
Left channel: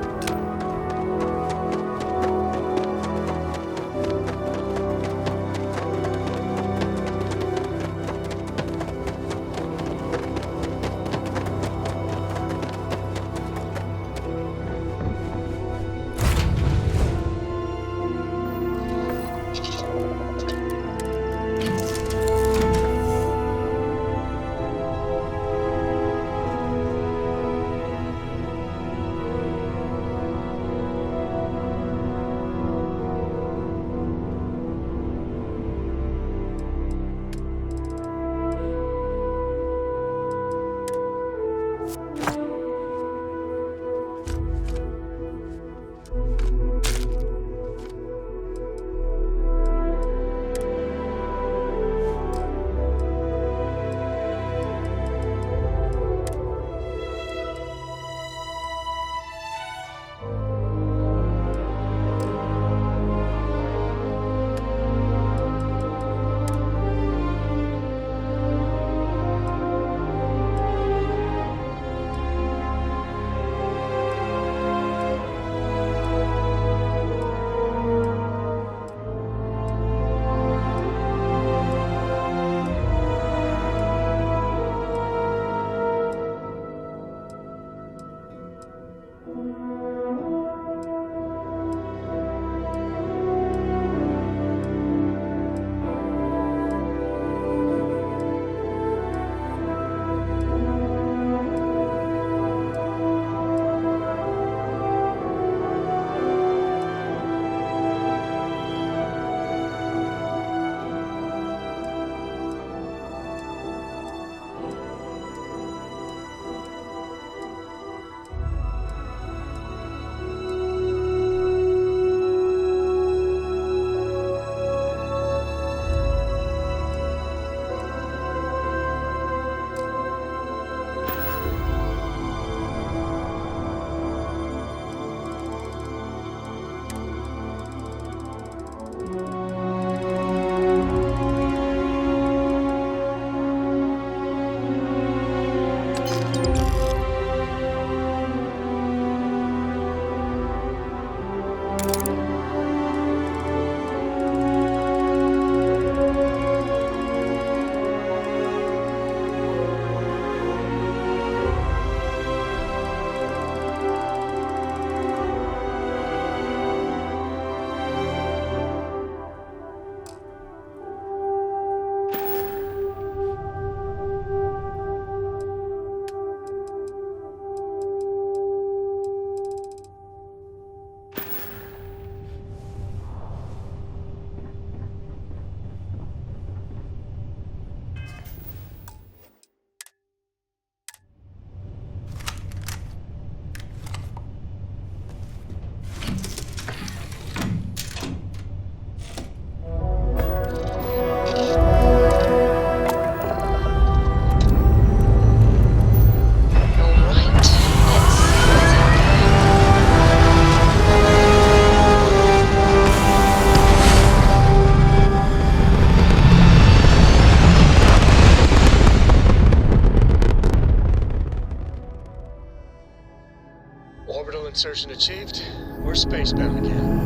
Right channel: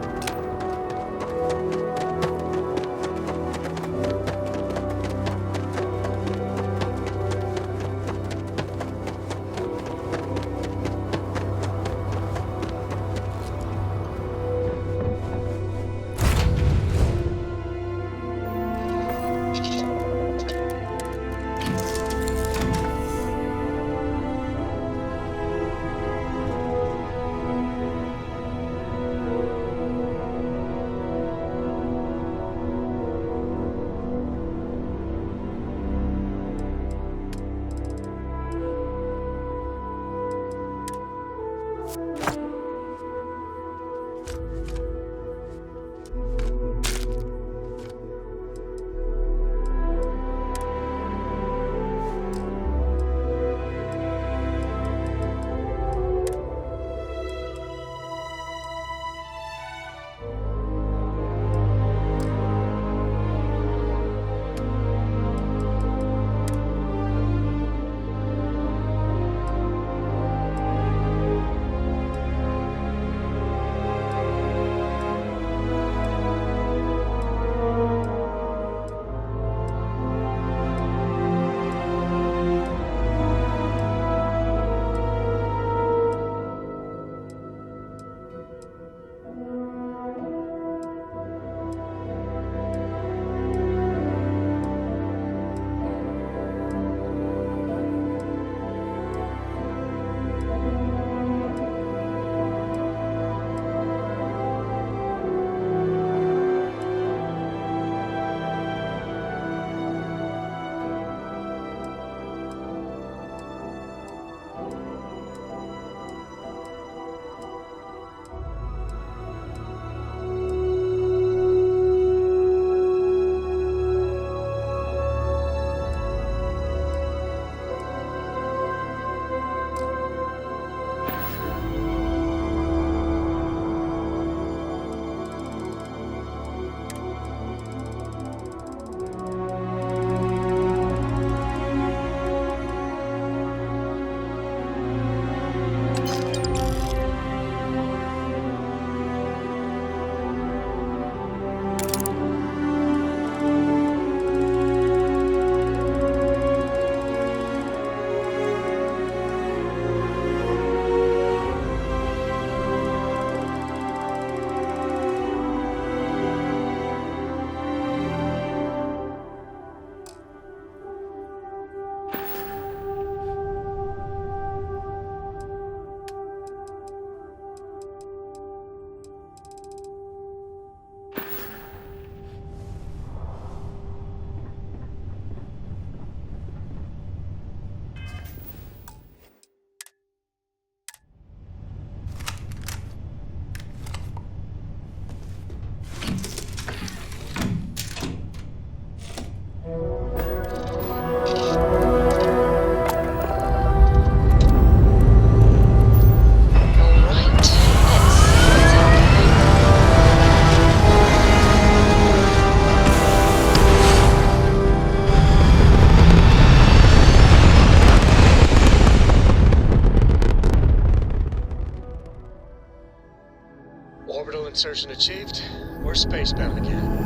insertion achieved. We're spacebound again.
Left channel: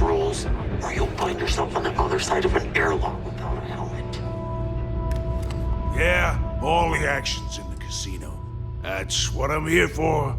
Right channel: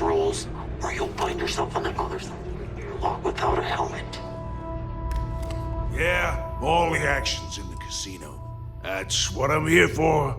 Rules, or you'll find yourself on the other side of an airlock without a helmet. Yeah, all the action's in the casino. That's what I'm here for.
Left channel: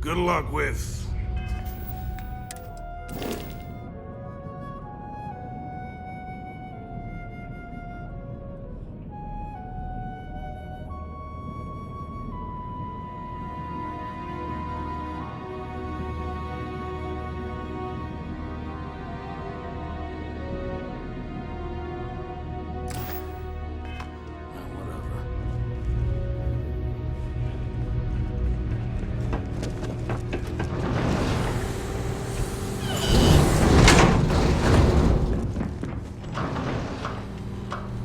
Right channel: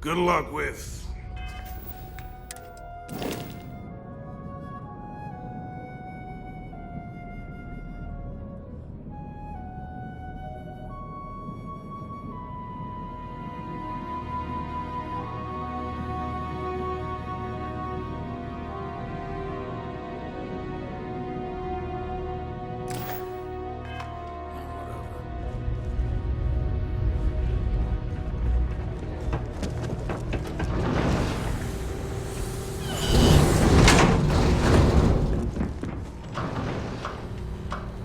Good luck with...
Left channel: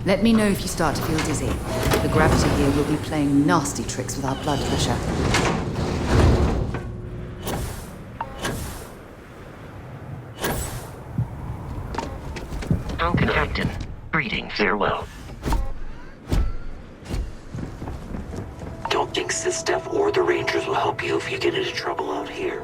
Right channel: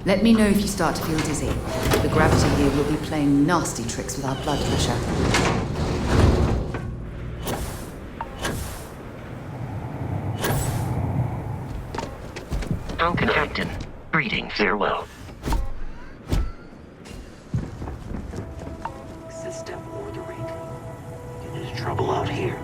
Let me know if you start to feel dizzy. The gravity here will be playing nasty tricks with our blood pressure. Falcon Captain, greetings, farewell. Don't think Sysdef or the Rangers will help you if you get into trouble out here.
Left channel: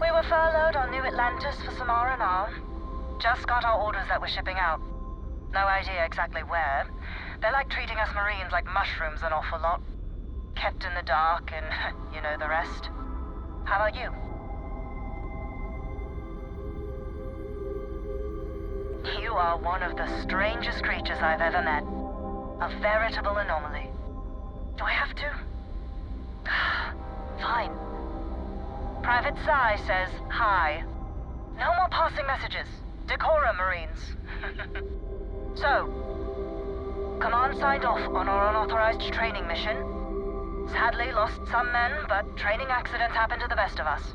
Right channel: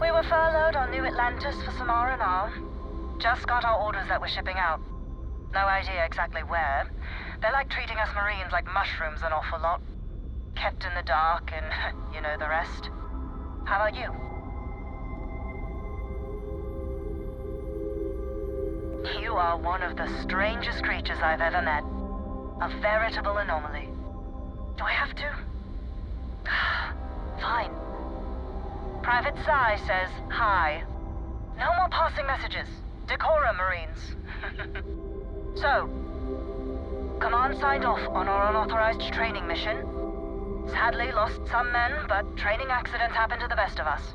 We were furloughed on New Atlantis for some R&R. Just got our orders that we're shipping out. No idea exactly where. They're like treating us Marines like mushrooms an awful lot. Kept in the dark and you know the rest. How about you? You are one of the strangest creatures I've ever met. A veritable anomaly. Do I have to? Fine. Private Psy says hi. No more passing messages. Decorum, Marines. So, Command signed off on our unauthorized training mission. Sadly lost some men, but training accidents happen to the best of us.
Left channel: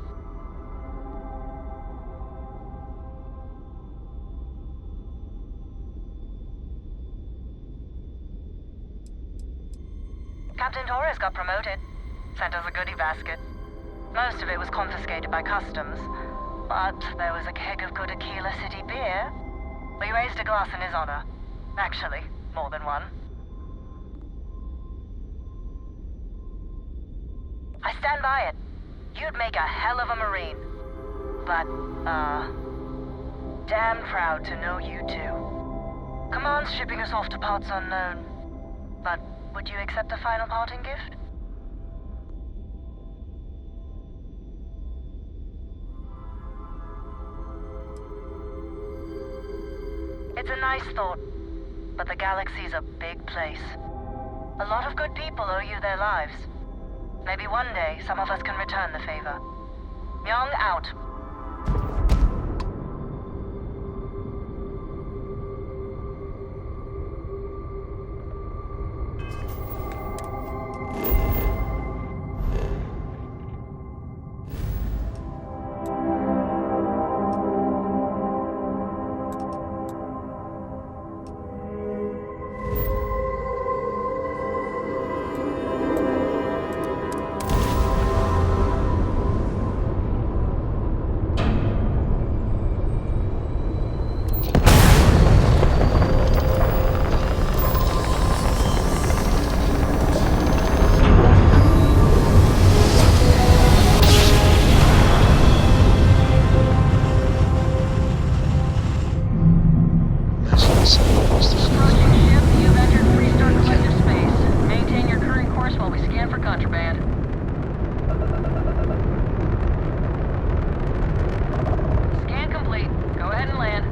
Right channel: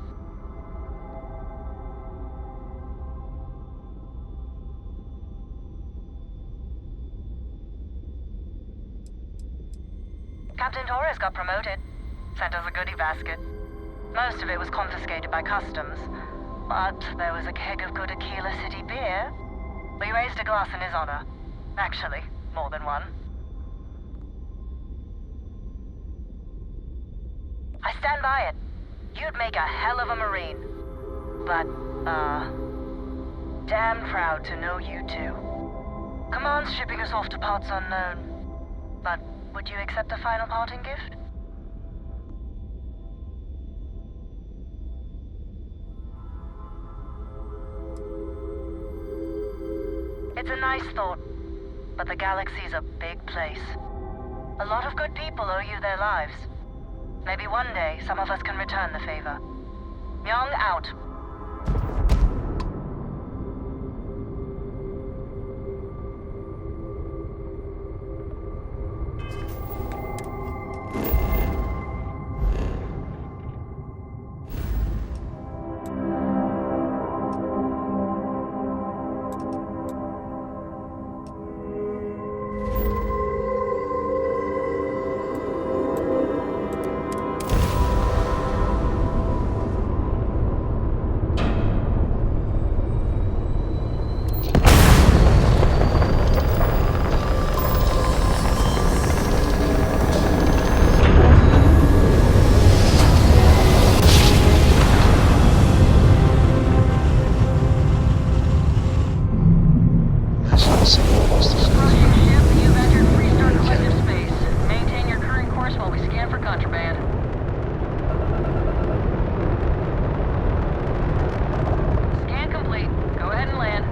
Captain Torres got promoted. Sent us a goodie basket. Most of it was confiscated by customs, but there was a keg of good Aquila City beer. We raised a glass in his honor. Actually, more than one. I stand by it. You'd make a hell of a Marine. But, damn proud to know you too. Command's shipping us off to parts unknown. But would you accept a final parting gift? It's a nice thought, but the galaxy's a big place. A lot of good people owe you their lives. Maybe one day some of us can return the favor. Myung out. Approaching ship, you've entered Freestar Collective space. Maintain your current course while we scan for contraband. Scan complete. Go ahead and land.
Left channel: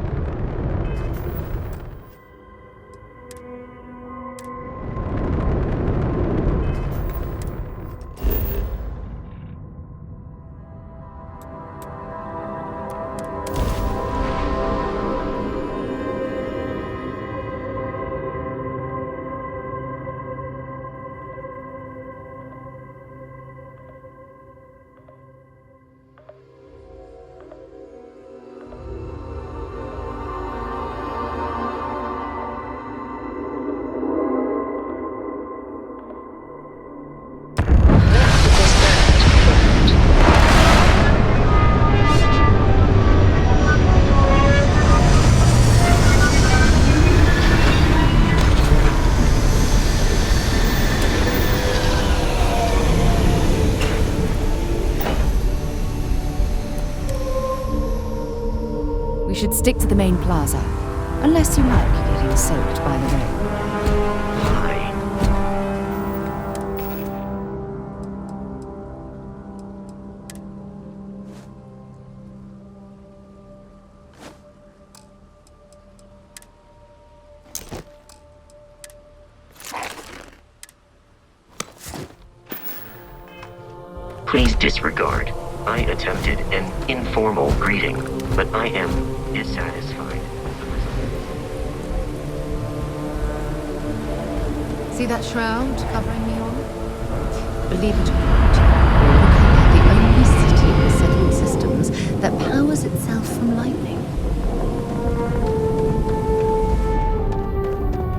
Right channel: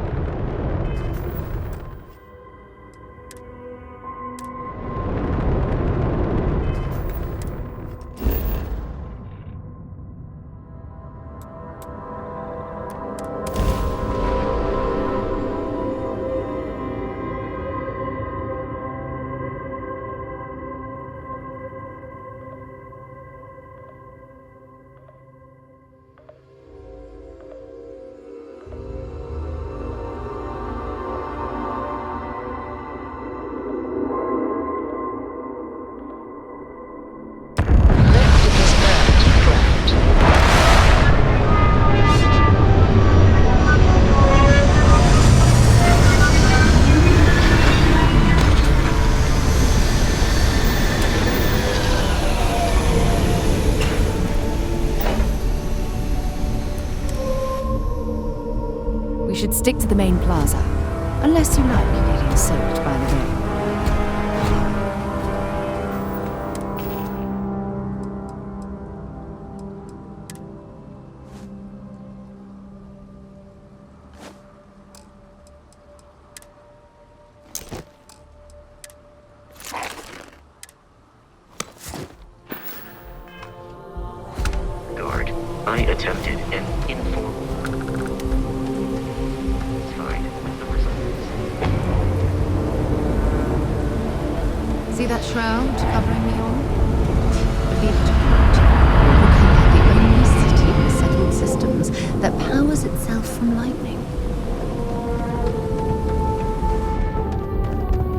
We should stick to the main plaza, unless you like getting soaked by the rain. Please disregard. I attempted an informal greeting, but I am dissatisfied with the results. See that shroud covering me on? Believe it or not, you're looking at the only city in the settled systems that powers itself from lightning.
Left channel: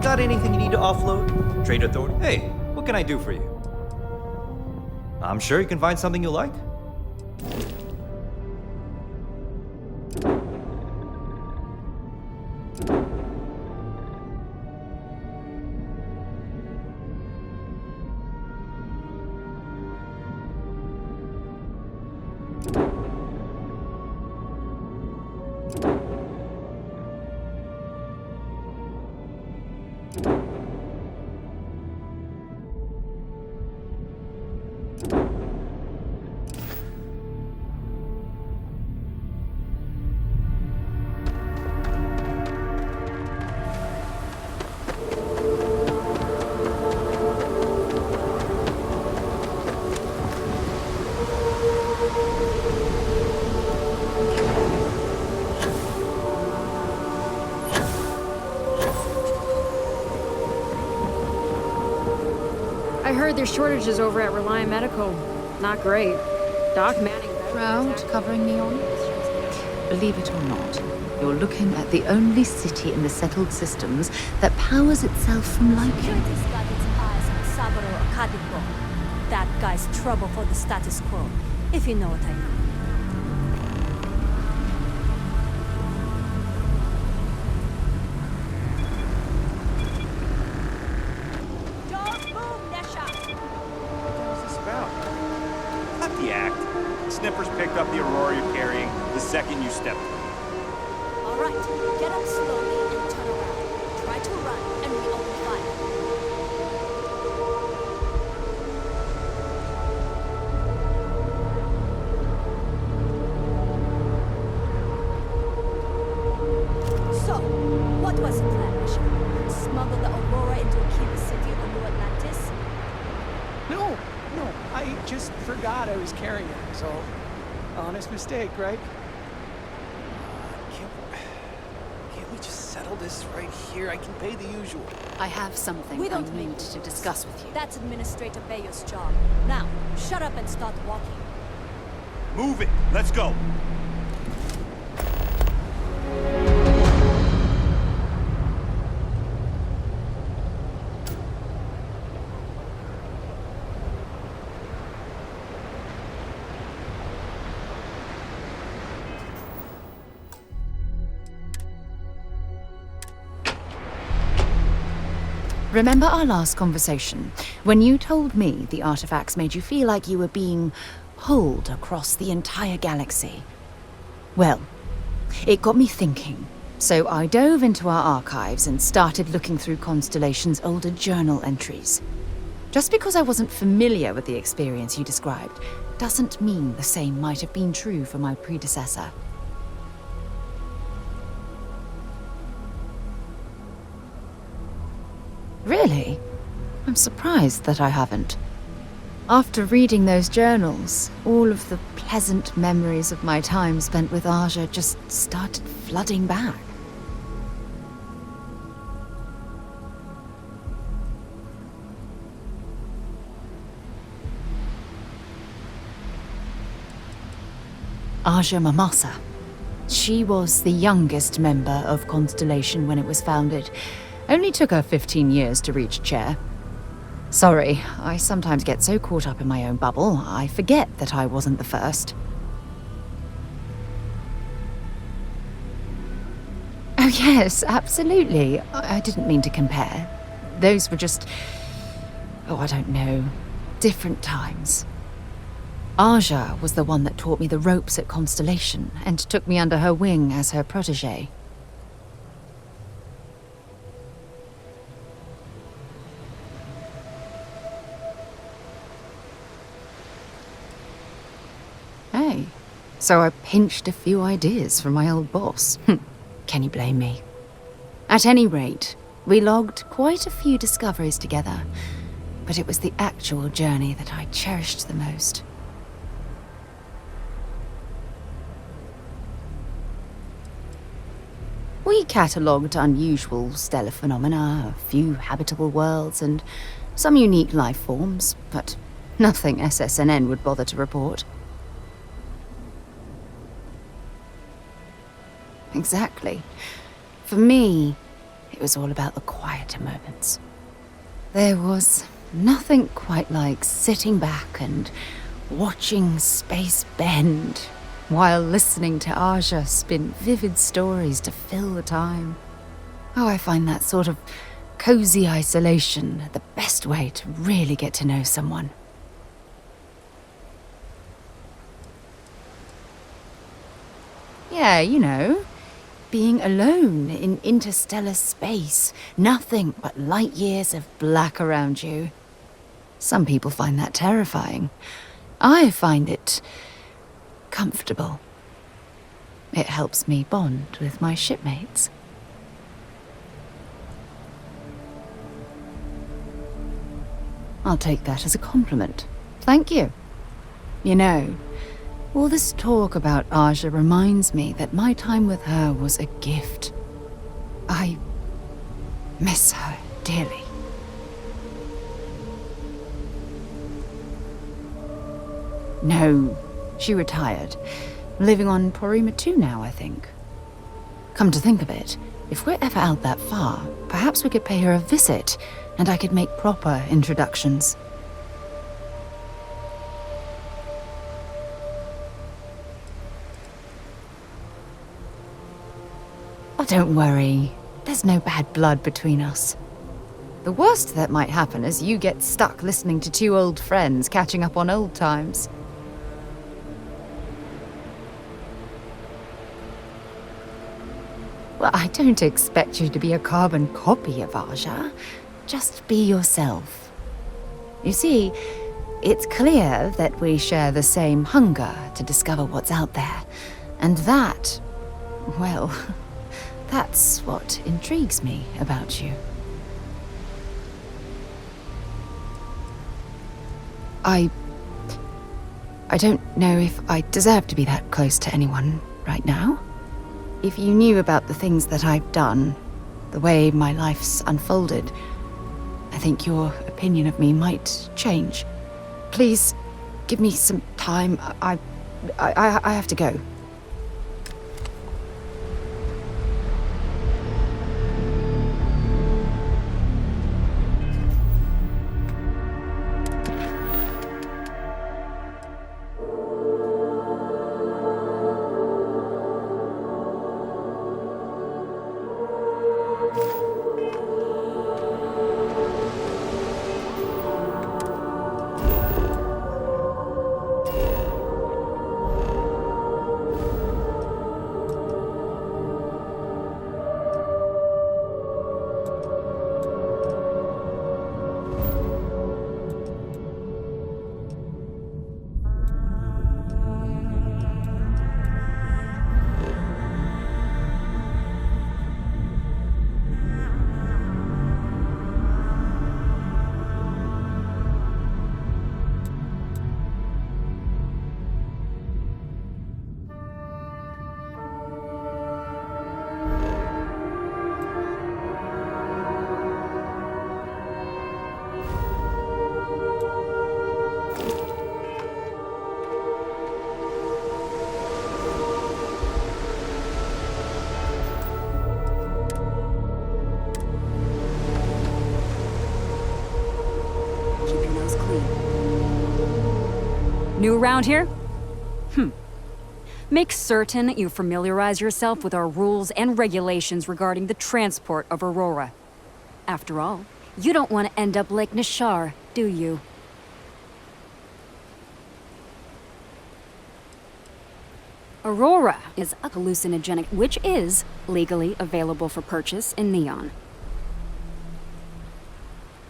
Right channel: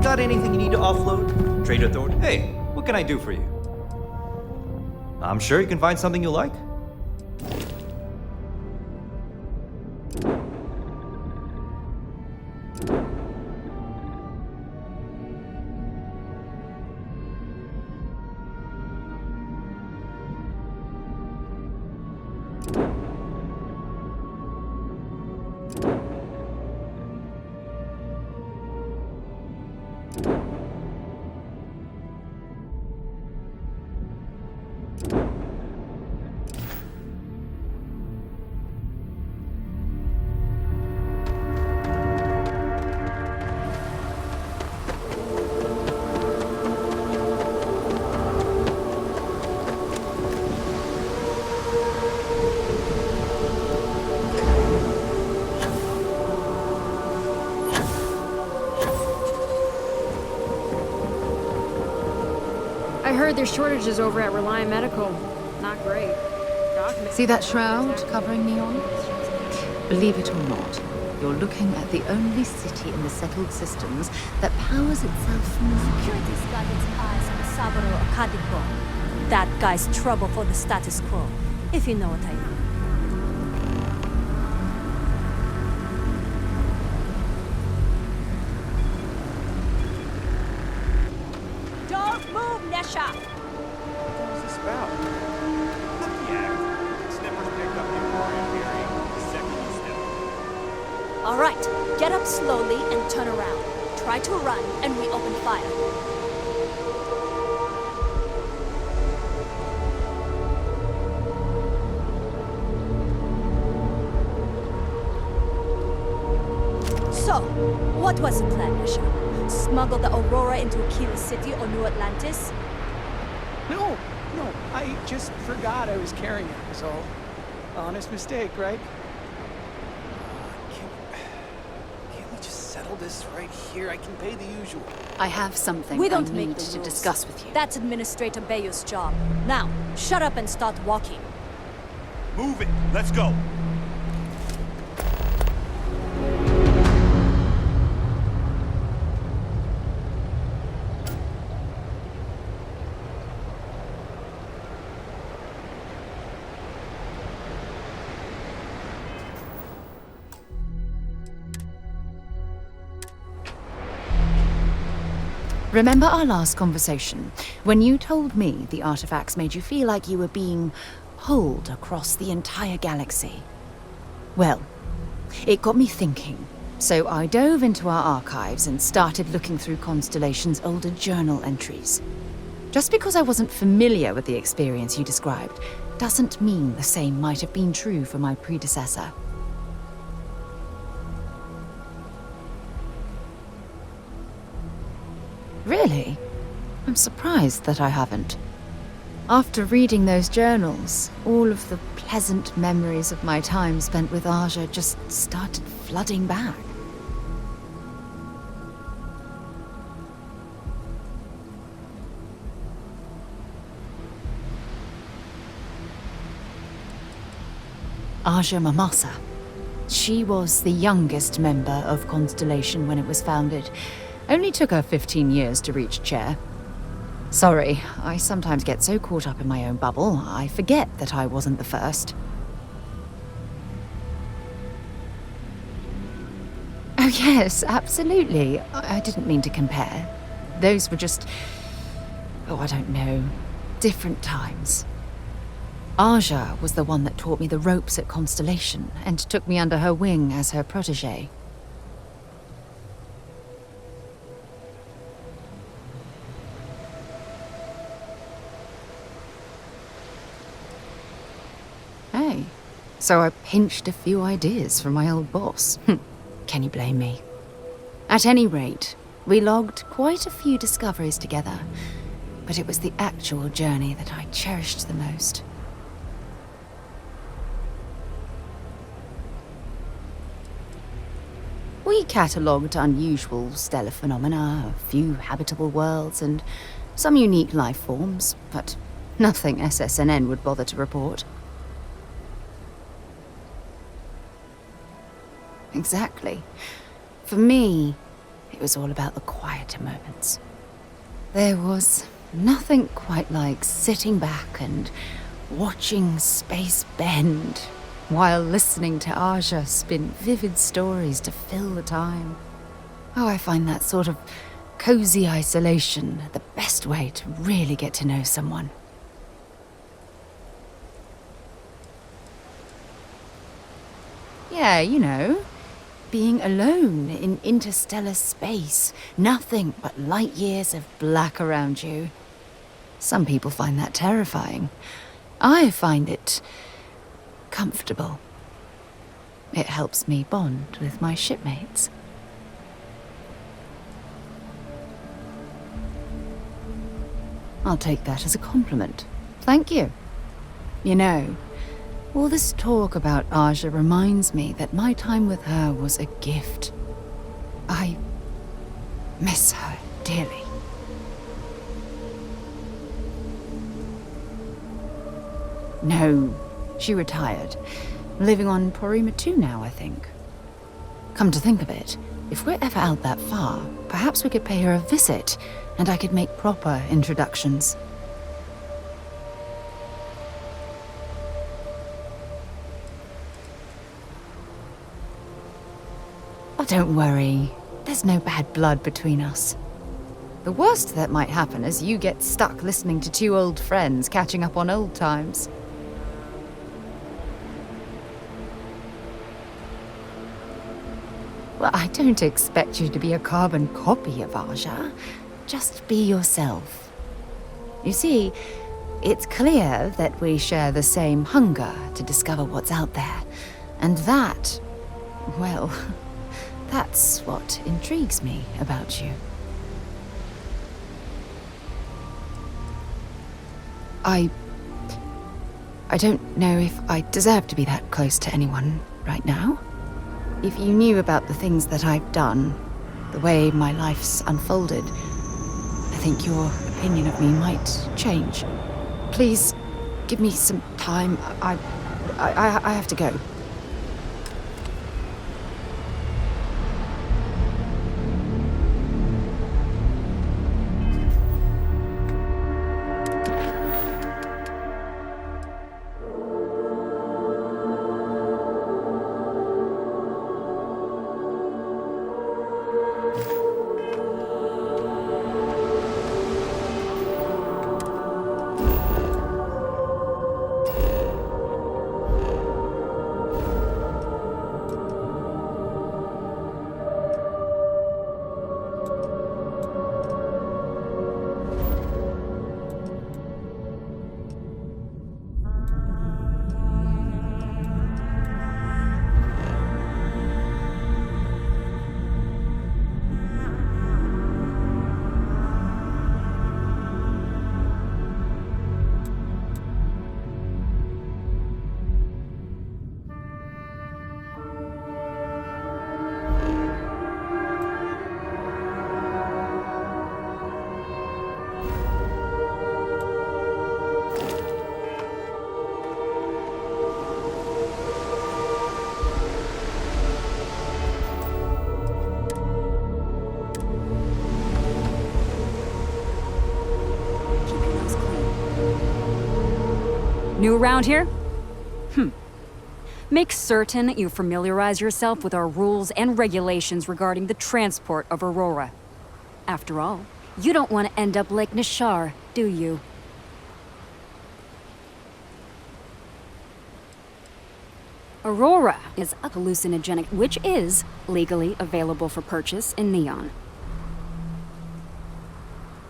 Got anything you need to offload? Trader Thorn? Hey, what can I do for you? I'm sure you can find something you like. I heard there's shortages over at Reliant Medical. Not great. See that shroud covering me on? Believe it or not, you're looking at the only city in the settled systems that powers itself from lightning. Security's got its eyes on Saburo Akadipo. That guy's trouble for the status quo, if you know what I mean. Don't move, Nesha! What was this about? Not the act. Snippers picked up the Aurora you're carrying the second you stepped. All right, get up slowly and turn around. Try to run, and we open fire. So, what was the plan, Asha? Smuggle the Aurora into Aquila City or New Atlantis? No, I just forgot I was carrying it, so honest mistake, right? Can't we just settle this right here? I can pay the usual. I have something We don't I make need the to rules. discuss with you. That's Administrator Bayo's job. Now, shut up and start walking. Move it! Let's go! Remember our last conversation, when you told me the artifacts made you feel like you were being pulled across the entire galaxy? Well, it got me thinking, so I dove into our archives and started looking through Constellation's older journal entries. Just because I wasn't familiar with the experience you described, doesn't mean the same might have been true for my predecessor. Really? I'm surprised that I haven't. After reading those journals, all of the pleasant memories of my time spent with Aja just started flooding back. Aja Mamasa. She was the youngest member of Constellation when it was founded. Only took her 15 years to reach chair. Sorry, I sometimes get so caught up in my own bubble, I forget that I wasn't the first. Oh yes, absolutely. I didn't mean to compare. Those were just... oh, I don't know. Different times. Aja was the one that taught me the ropes at Constellation and took me under her wing as her protégé. Hey, so I pinched a few ideas from my old boss. Can you blame me? At any rate, we logged quite a few discoveries together, but it was the actual journey that I cherished the most. We catalogued unusual stellar phenomena, a few habitable worlds, and some unique life forms, but nothing SSNN would bother to report. Exactly. For me, it was all about the quieter moments. There was nothing quite like sitting back and watching space bend while listening to Aja spin vivid stories to fill the time. Oh, I find that sort of cozy isolation the best way to really get to know someone. Yeah, you know, being alone in interstellar space, nothing but light years of black around you. Some people find that terrifying. I find it comfortable. It helps me bond with my shipmates. I'll take that as a compliment. Thank you. You know, all this talk about Aja reminds me that my time with her was a gift. I miss her dearly. No, she retired. Living on Porima 2 now, I think. Come to think of it, if we're ever out that far, perhaps we could pay her a visit, and I could make proper introductions. Oh, don't worry. There's no bad blood between us. The worst that might happen is you get stuck listening to two old friends catching up on old times. Well, I don't expect you to be a carbon copy of Aja. Just be yourself. You see, it's clear that we share the same hunger to discover what's out there. And that, well, That's what intrigues me about you. I don't know if I deserve to be that close to anyone right now. If you knew about the things that I've done, the way my life's unfolded, I think your opinion of me might change. Please, give me some time. I have to go. New around here? Make certain you familiarize yourself with our rules and regulations regarding the transport of Aurora. After all, you don't want to end up like Nishar, do you? Aurora is a hallucinogenic which is legally available for purchase in Neon.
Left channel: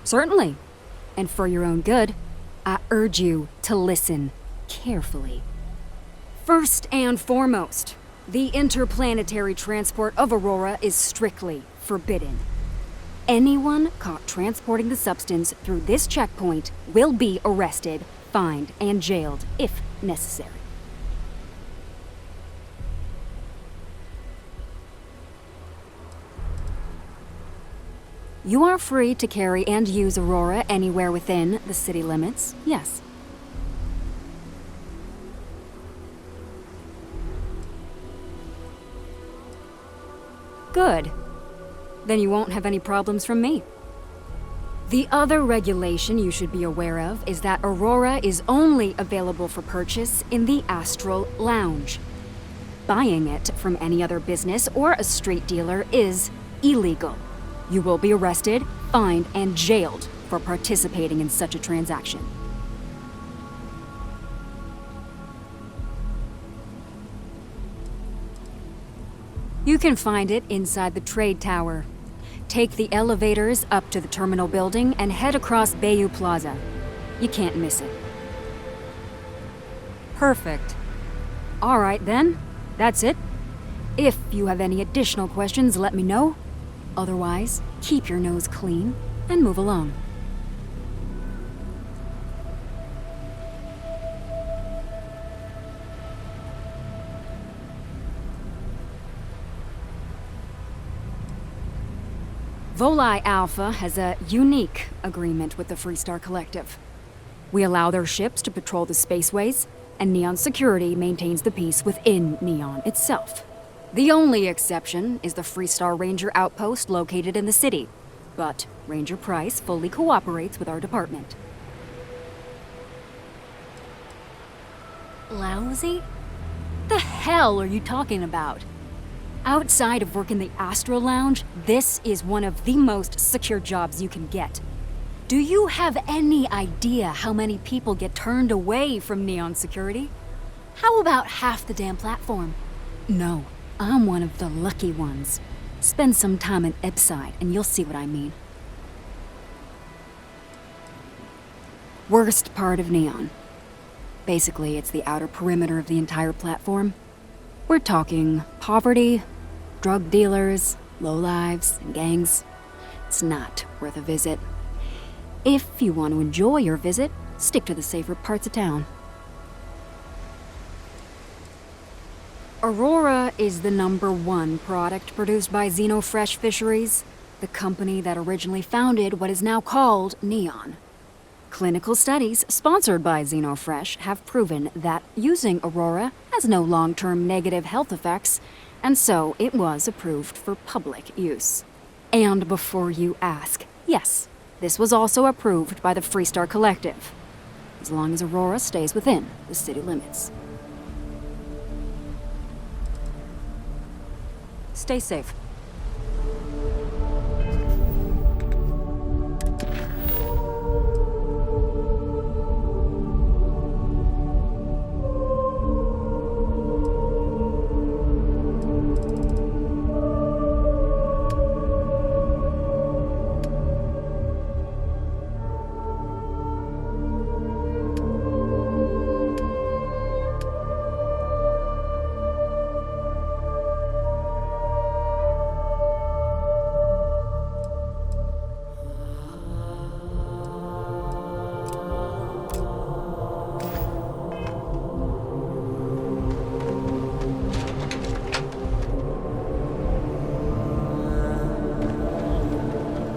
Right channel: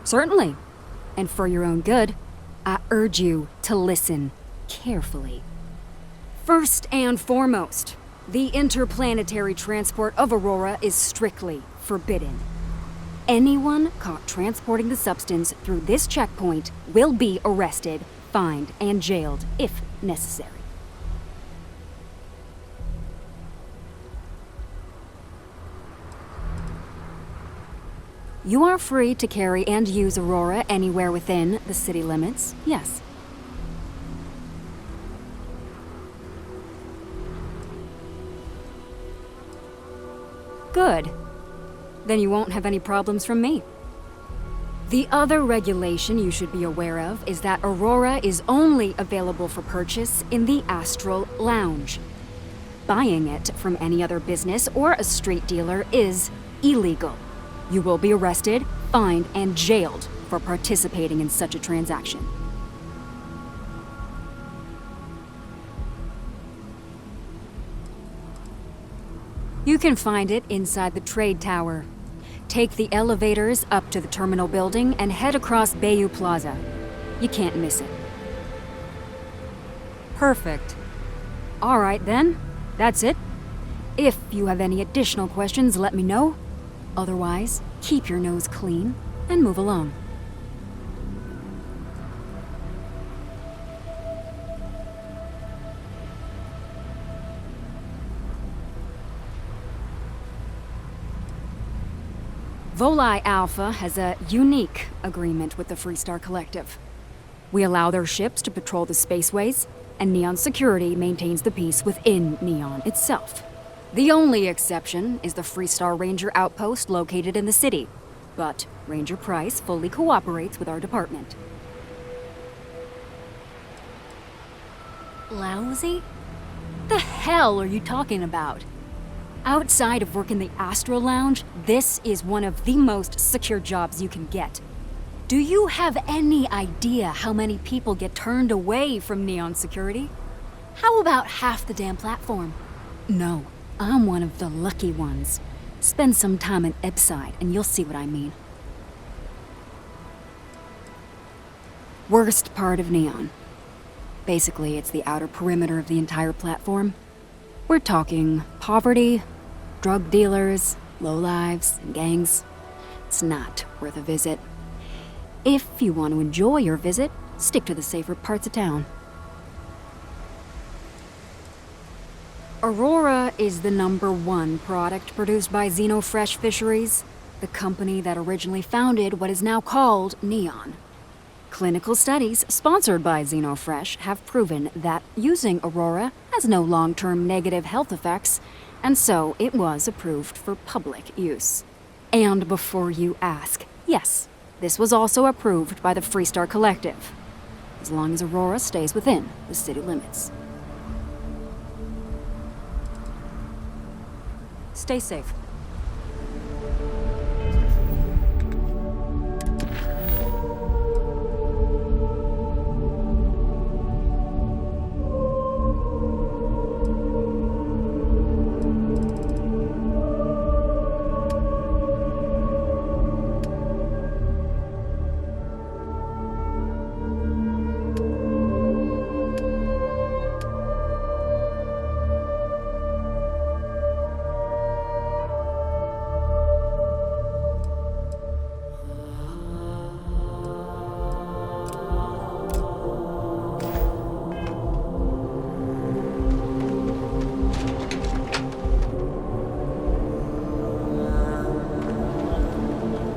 Certainly. And for your own good, I urge you to listen carefully. First and foremost, the interplanetary transport of Aurora is strictly forbidden. Anyone caught transporting the substance through this checkpoint will be arrested, fined, and jailed if necessary. You are free to carry and use Aurora anywhere within the city limits, yes. Good. Then you won't have any problems from me. The other regulation you should be aware of is that Aurora is only available for purchase in the Astral Lounge. Buying it from any other business or a street dealer is illegal. You will be arrested, fined, and jailed for participating in such a transaction. You can find it inside the trade tower. Take the elevators up to the terminal building and head across Bayou Plaza. You can't miss it. Perfect. All right then, that's it. If you have any additional questions, let me know. Otherwise, keep your nose clean and move along. Volii Alpha has a unique agreement with the Freestar Collective. We allow their ships to patrol the spaceways, and Neon Security maintains the peace within Neon itself. The only exception is the Freestar Ranger outpost located in the city, but Ranger Price fully cooperates with our department. Lousy? The hell are you talking about? Outside of work in the Astral Lounge, this is one of the most secure jobs you can get. Do you have any idea how many people get turned away from Neon Security? How about half the damn platform? No, I'm one of the lucky ones. Spend some time in Epside and you'll see what I mean. Worst part of Neon. Basically, it's the outer perimeter of the entire platform. We're talking poverty, Drug dealers, lowlives, and gangs. It's not worth a visit. If you want to enjoy your visit, stick to the safer parts of town. Aurora is the #1 product produced by Xenofresh Fisheries, the company that originally founded what is now called Neon. Clinical studies sponsored by Xenofresh have proven that using Aurora has no long-term negative health effects, and so it was approved for public use. And before you ask, yes, this was also approved by the Freestar Collective, as long as Aurora stays within the city limits. Stay safe.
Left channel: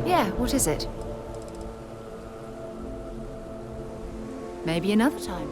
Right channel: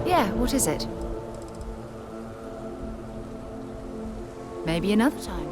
Yeah, what is it? Maybe another time.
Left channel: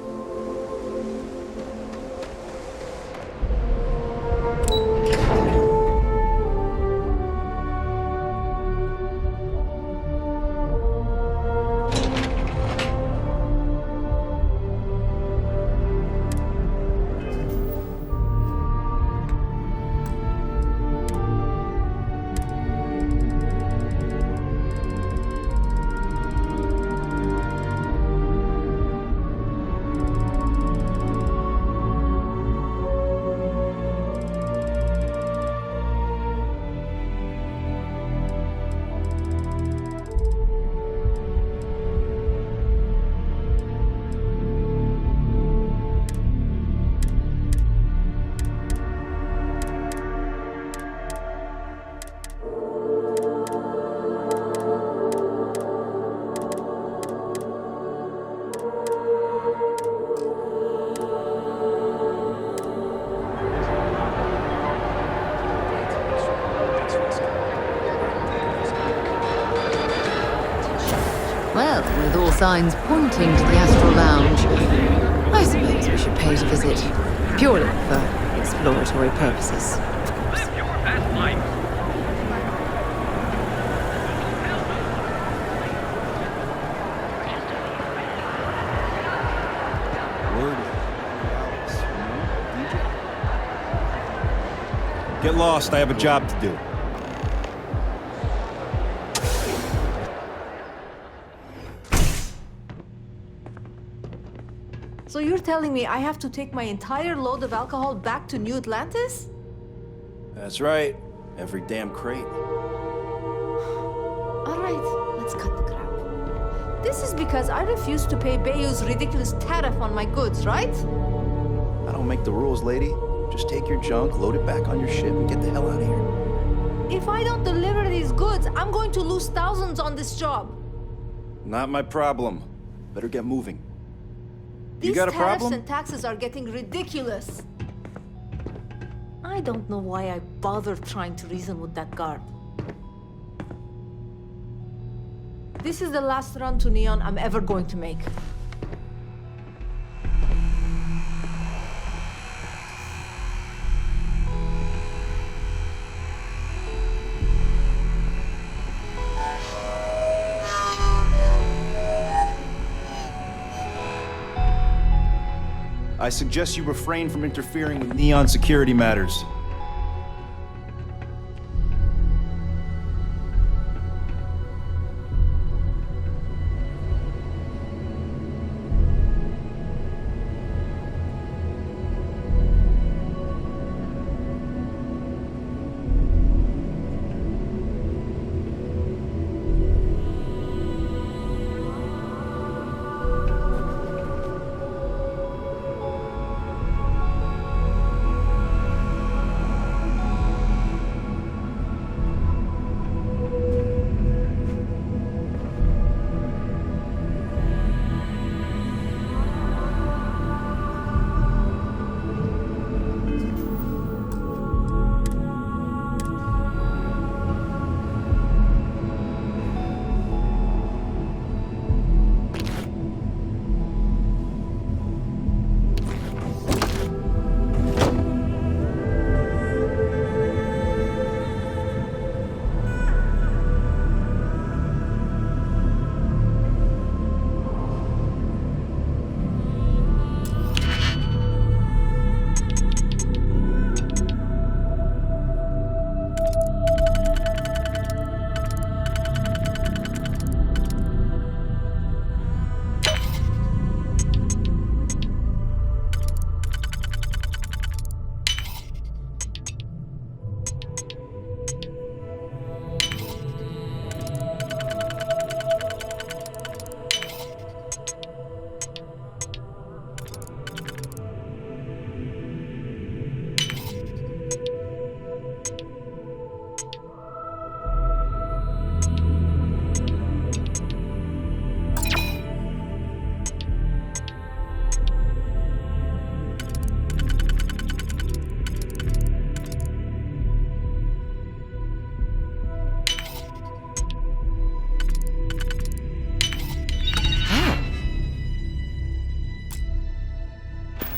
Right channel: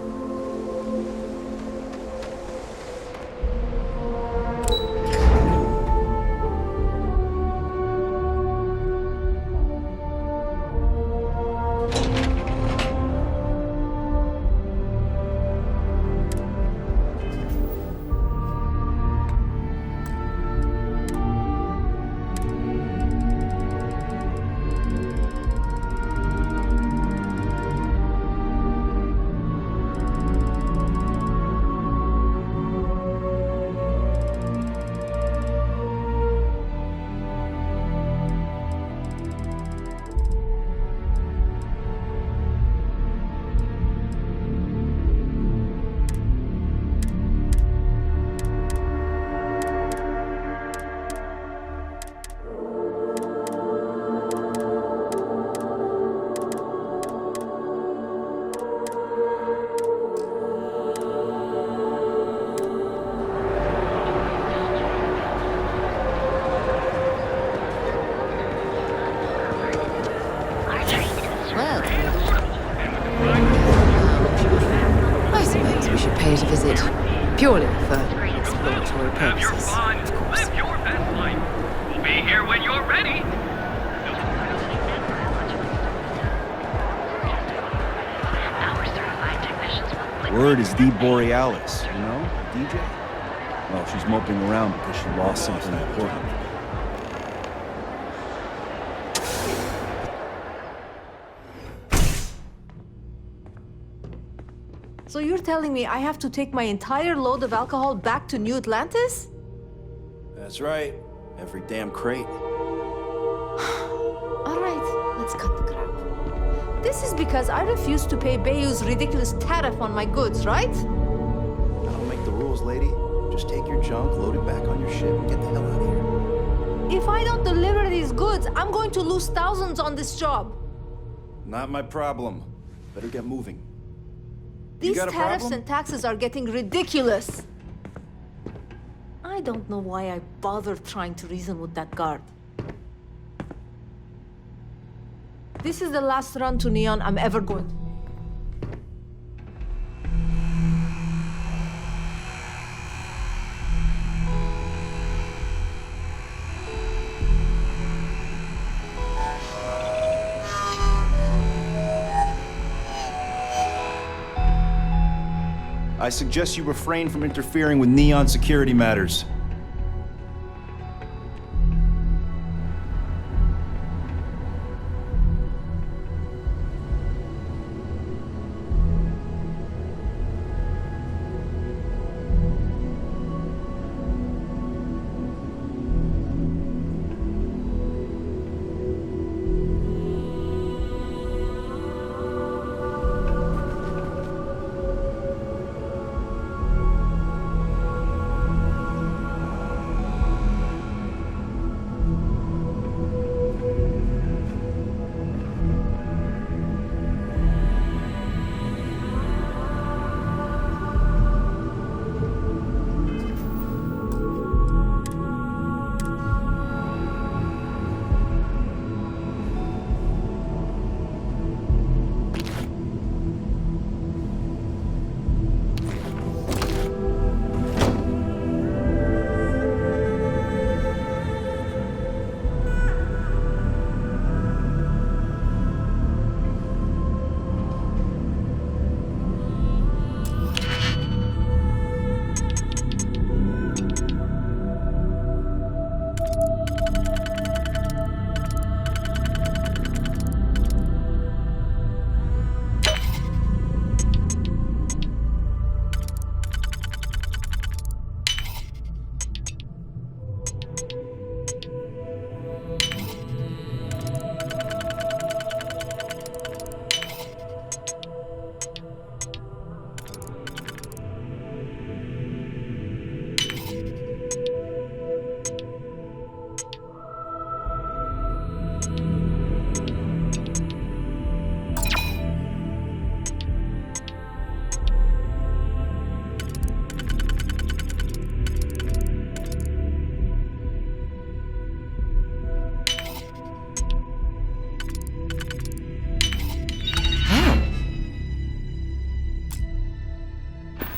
Well, with all signs pointing to the Astral Lounge, I suppose we should pay it a visit. Purely for exploratory purposes, of course. Live your best life. We'll be here when you're ready. Word is the Borealis, you know? DJ? No, she's moping around because she lost. Get lost, I have a job to do. So you're telling me I have to take my entire load of alcohol back to New Atlantis? That's right. Every damn crate. All right, let's cut the crap. This is because I refused to pay Bayou's ridiculous tariff on my goods, right? I don't make the rules, lady. Just take your junk, load it back on your ship, and get the hell out of here. If I don't deliver these goods, I'm going to lose thousands on this job. Not my problem. Better get moving. These You got a tariffs problem? and taxes are getting ridiculous. I don't know why I bothered trying to reason with that guard. This is the last run to Neon I'm ever going to make. I suggest you refrain from interfering with Neon security matters.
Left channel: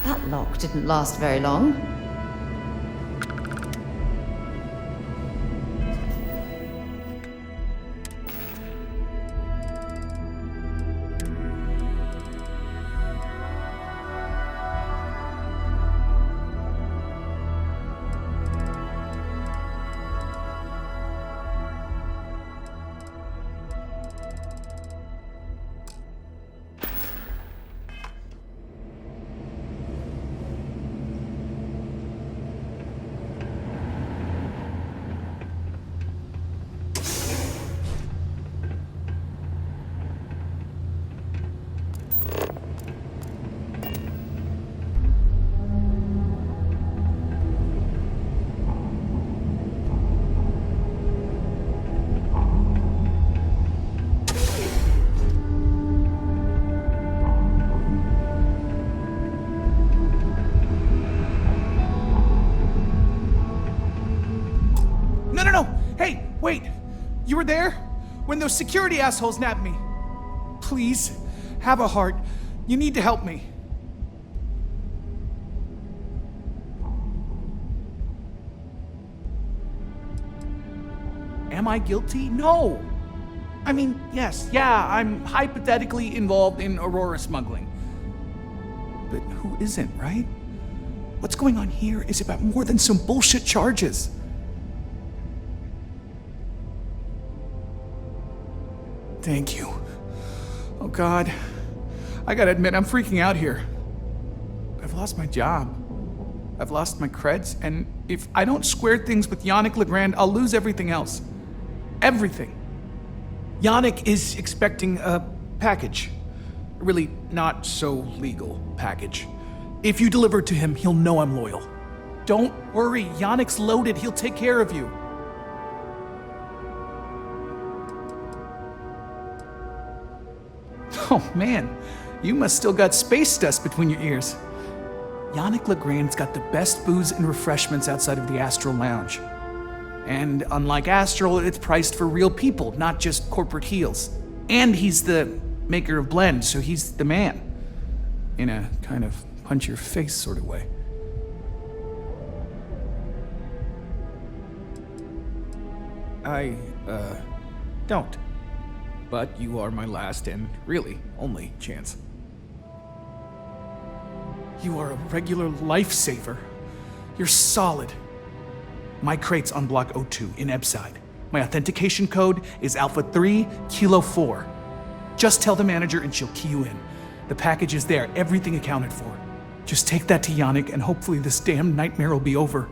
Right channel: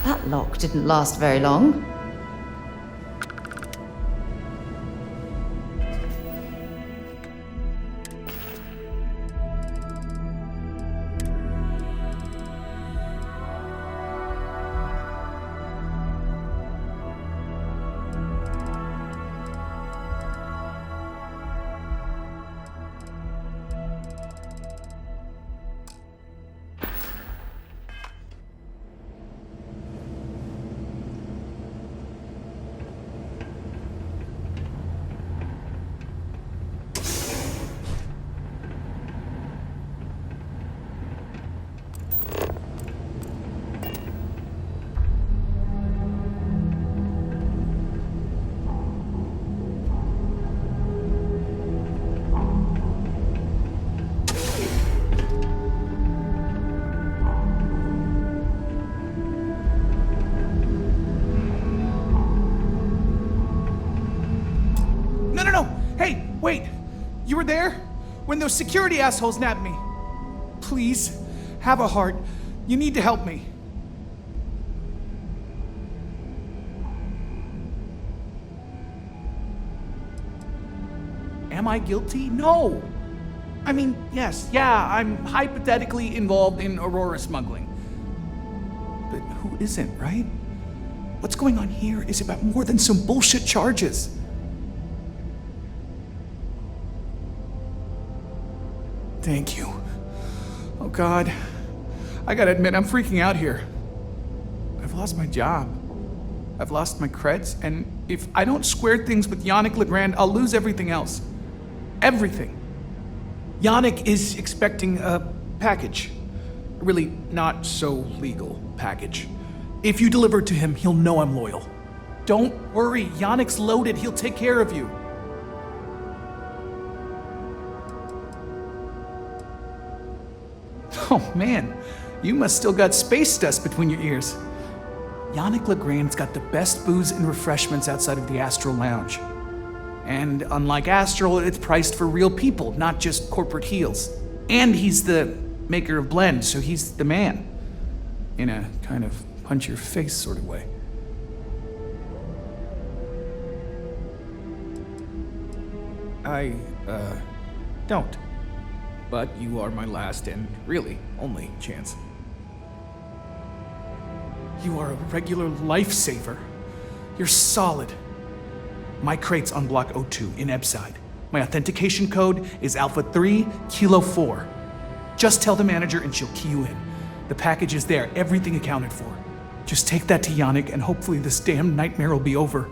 That lock didn't last very long. Wait, you were there? When those security assholes nabbed me? Please, have a heart. You need to help me. Am I guilty? No! I mean, yes, I'm hypothetically involved in Aurora smuggling. But who isn't, right? What's going on here is about more than some bullshit charges. Thank you. Oh God, I gotta admit, I'm freaking out here. I've lost my job. I've lost my creds, and if I don't square things with Yannick Legrand, I'll lose everything else. Everything. Yannick is expecting a package. A really not so legal package. If you deliver it to him, he'll know I'm loyal. Don't worry, Yannick's loaded. He'll take care of you. Oh man, you must still got space dust between your ears. Yannick Legrand's got the best booze and refreshments outside of the Astral Lounge. And unlike Astral, it's priced for real people, not just corporate heels. And he's the maker of blends, so he's the man. In a kind of punch-your-face sort of way. I, don't. But you are my last and really only chance. You are a regular lifesaver. You're solid. My crate's on Block 02 in Ebside. My authentication code is Alpha 3 Kilo 4. Just tell the manager and she'll key you in. The package is there, everything accounted for. Just take that to Yannick and hopefully this damn nightmare will be over.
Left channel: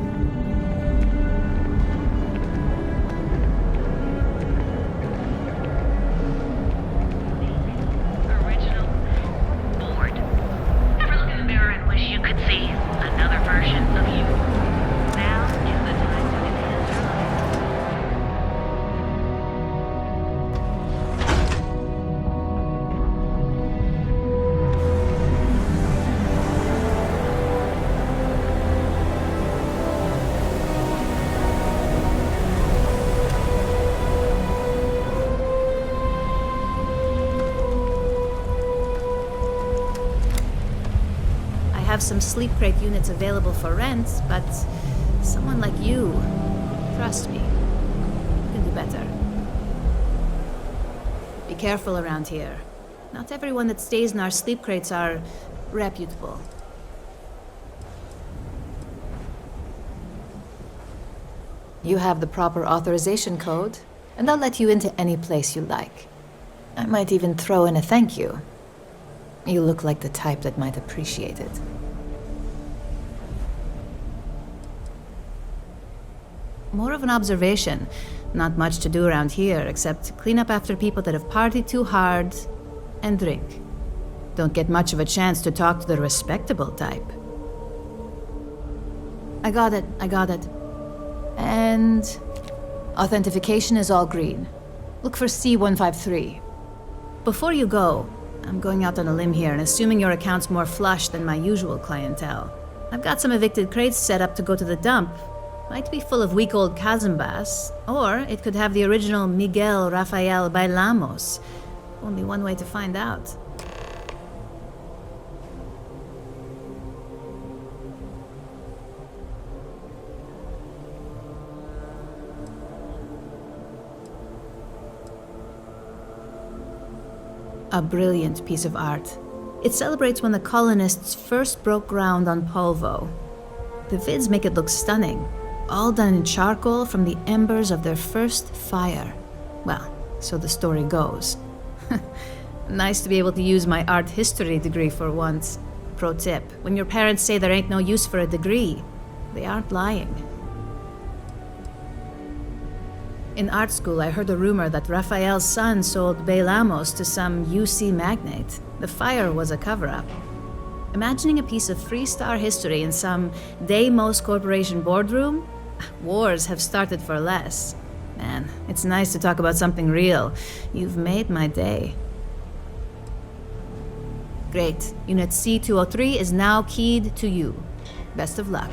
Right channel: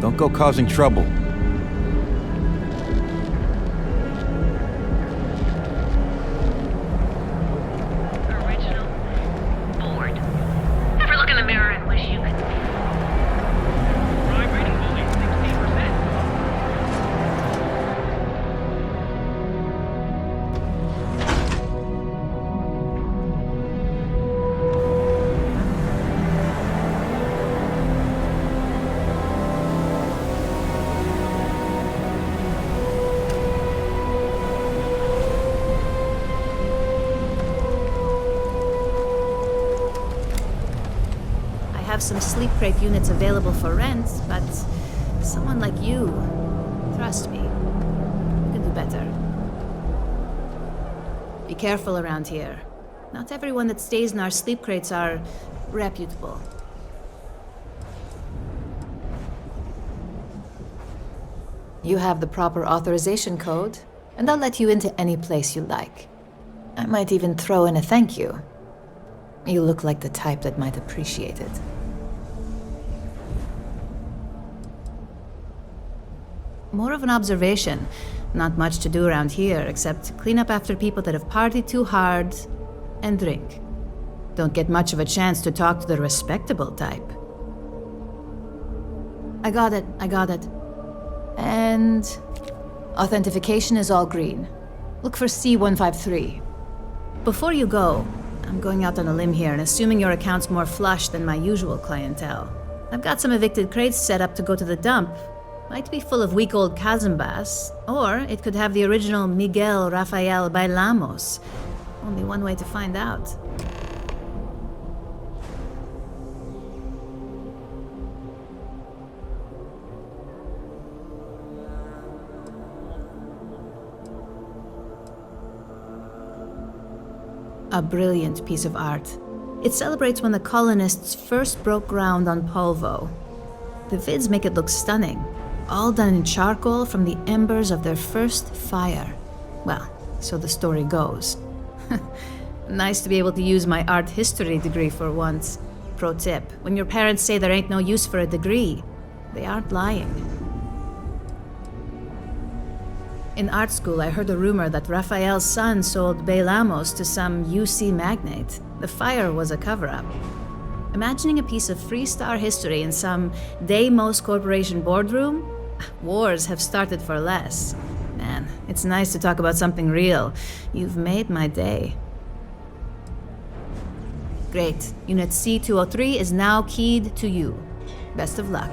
Don't go causing trouble. Original. Bored. Ever look in the mirror and wish you could see another version of you? have some sleep crate units available for rent, but someone like you, trust me, you can do better. Be careful around here. Not everyone that stays in our sleep crates are reputable. You have the proper authorization code, and I'll let you into any place you like. I might even throw in a thank you. You look like the type that might appreciate it. More of an observation. Not much to do around here, except clean up after people that have partied too hard and drink. Don't get much of a chance to talk to the respectable type. I got it. And authentication is all green. Look for C153. Before you go, I'm going out on a limb here and assuming your account's more flush than my usual clientele. I've got some evicted crates set up to go to the dump. Might be full of week-old Cazimbas, or it could have the original Miguel Rafael Bailamos. Only one way to find out. A brilliant piece of art. It celebrates when the colonists first broke ground on Polvo. The vids make it look stunning, all done in charcoal from the embers of their first fire. Well, so the story goes. Nice to be able to use my art history degree for once. Pro tip, when your parents say there ain't no use for a degree, they aren't lying. In art school, I heard a rumor that Rafael's son sold Bailamos to some UC magnate. The fire was a cover-up. Imagining a piece of Freestar history in some Deimos Corporation boardroom? Wars have started for less. Man, it's nice to talk about something real. You've made my day. Great. Unit C203 is now keyed to you. Best of luck.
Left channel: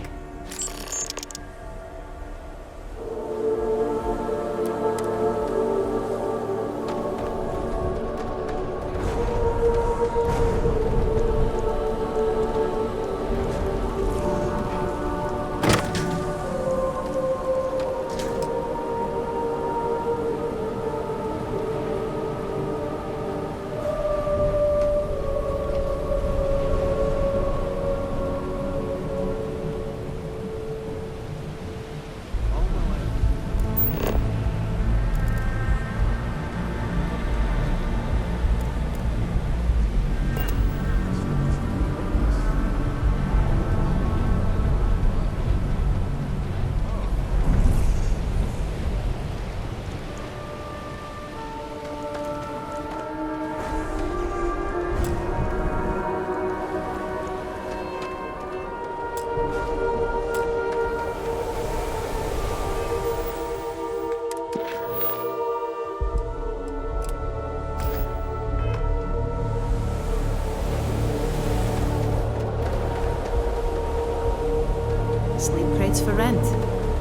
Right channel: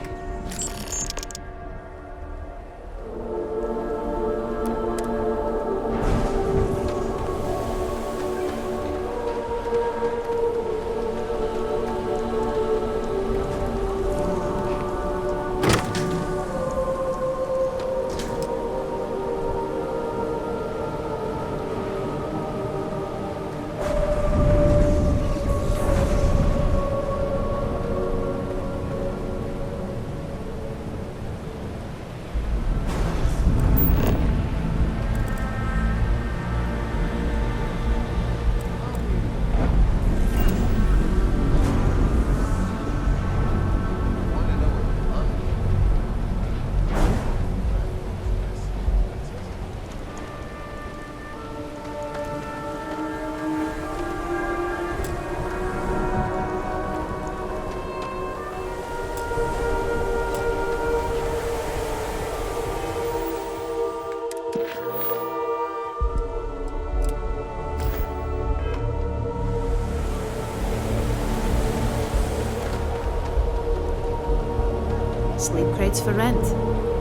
Sleep crates for rent.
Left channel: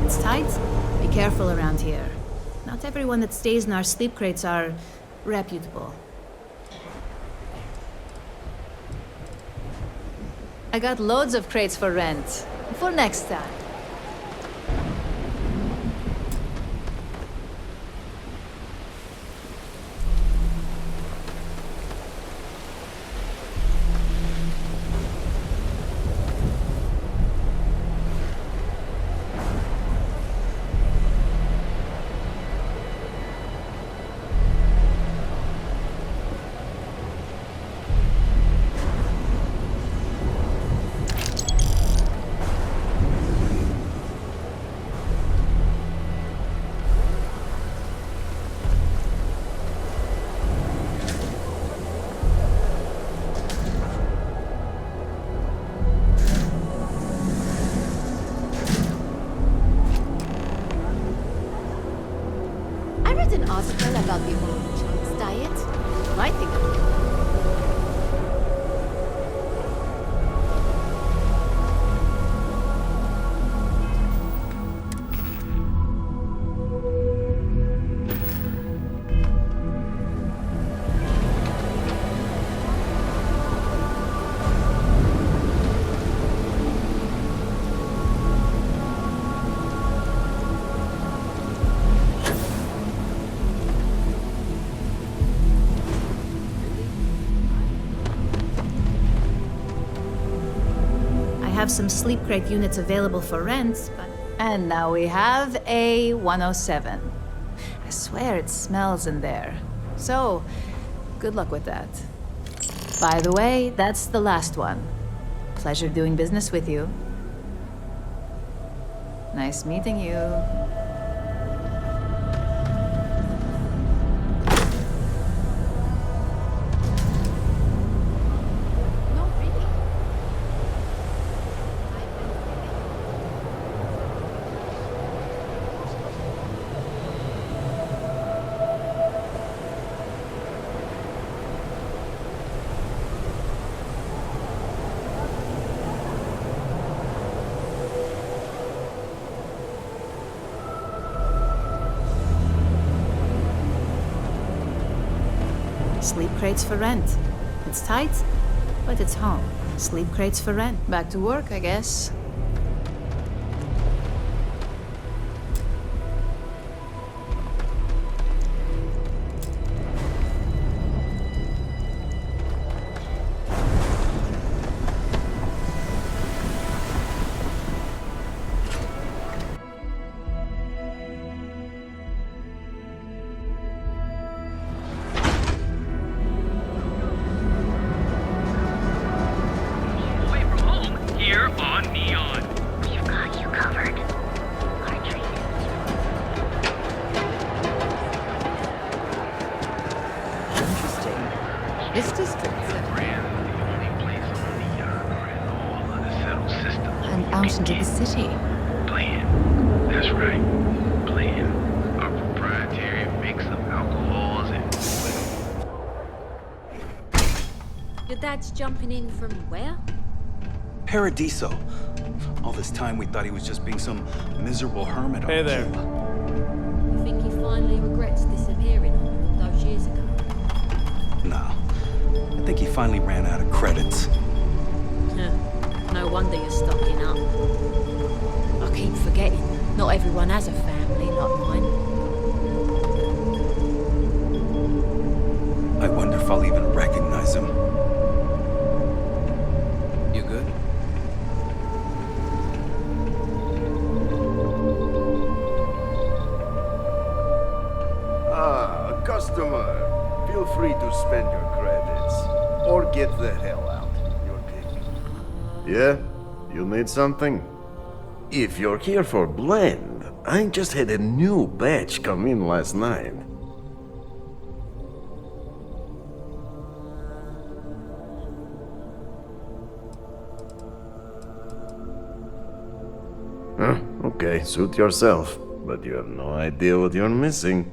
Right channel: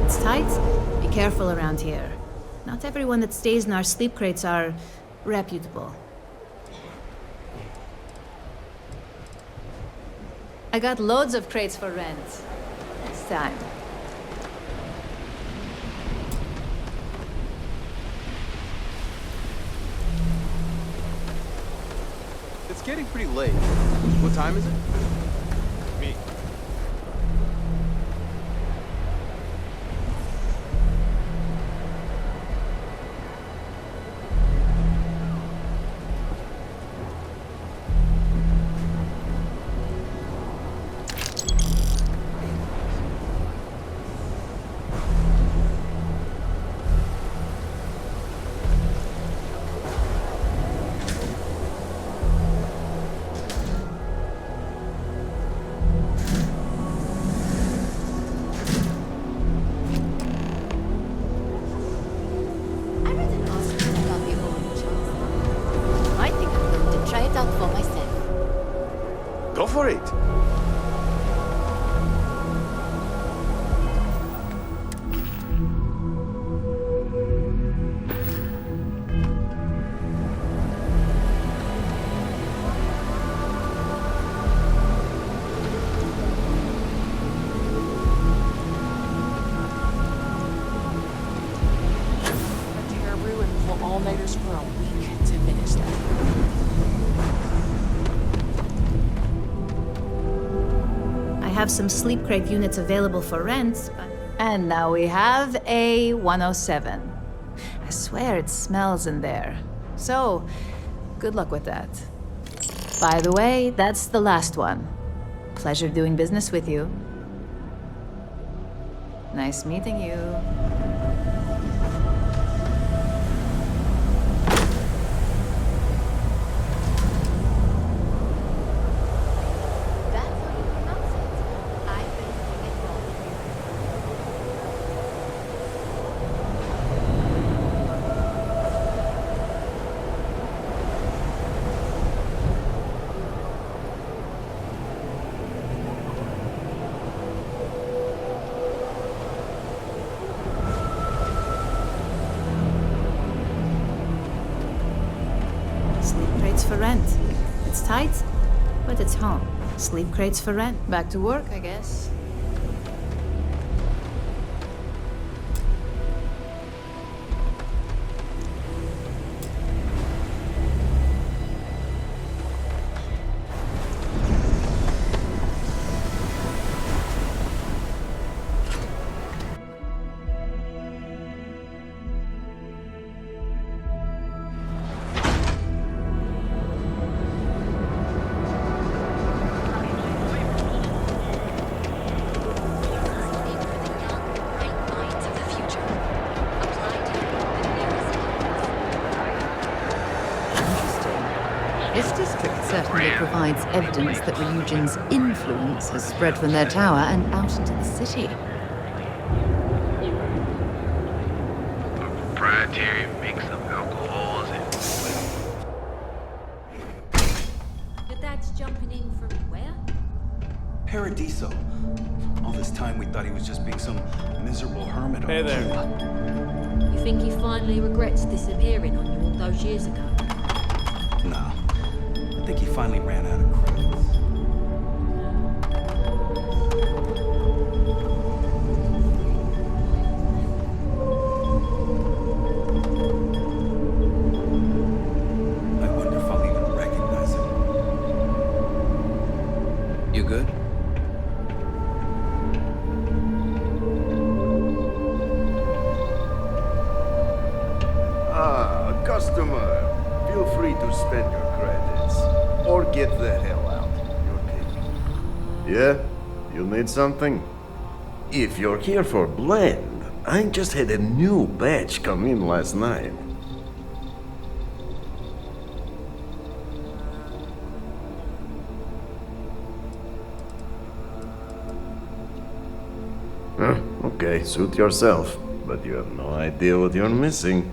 It's tight. Be careful around here. Not everyone that stays in our sleep crates are reputable. I got loads of crates for rent. For next time. It's getting pretty late. What time is it? I have some sleep crate units available for rent, but... And now we have a 107. I swear it smells in there. So, good luck with that. By the way, that's the last one. Pleasure doing business with you. Nice meeting you. Sleep crates for rent. It's tight, but it's home. Sleep crates for rent. Back to work, I guess. This district certainly provides evidence that Ryujin's influence has spread from their tower and out into the city. Blend. That's right. Blend. A proprietary mix of alcohols and Your dad's jumping in from where? Paradiso. All this time we thought he was just being some miserable hermit. Hey there. You think he finally regrets disappearing on you all those years ago? No. I think he finally ran out of credits. No wonder you're stocking up. I keep forgetting, not everyone has a family like mine. I wonder if I'll even recognize him. You good? Ah, a customer. Feel free to spend your credits. Or get the hell out. Your pick. Yeah? You need something? If you're here for Blend, I just had a new batch come in last night. Huh, okay, suit yourself. But you have no idea what you're missing.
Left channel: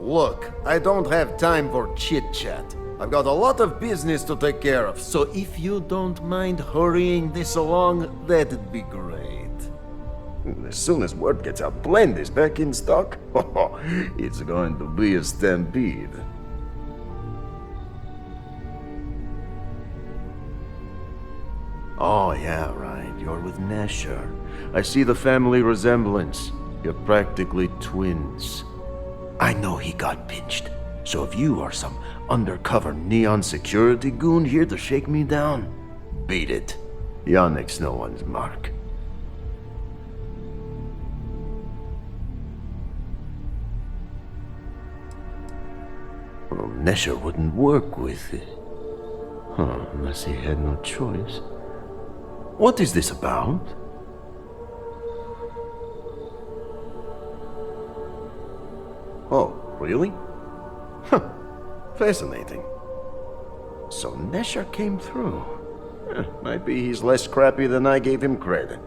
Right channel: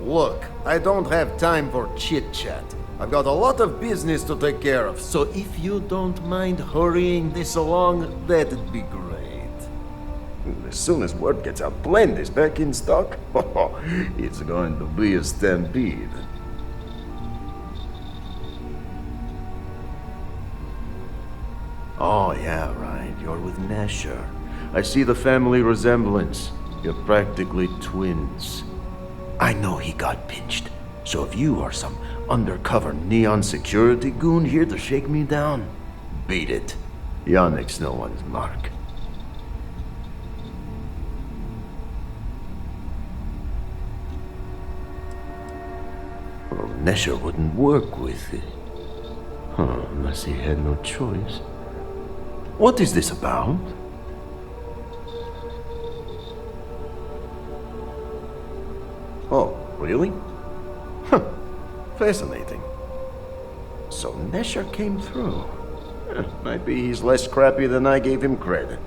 Look, I don't have time for chit-chat. I've got a lot of business to take care of, so if you don't mind hurrying this along, that'd be great. As soon as word gets out Blend is back in stock, it's going to be a stampede. Oh yeah, right, you're with Nasher. I see the family resemblance. You're practically twins. I know he got pinched. So if you are some undercover neon security goon here to shake me down, beat it. Yannick's no one's mark. Well, Nesher wouldn't work with it. Huh, unless he had no choice. What is this about? Oh, really? Huh. Fascinating. So Nesher came through. Might be he's less crappy than I gave him credit.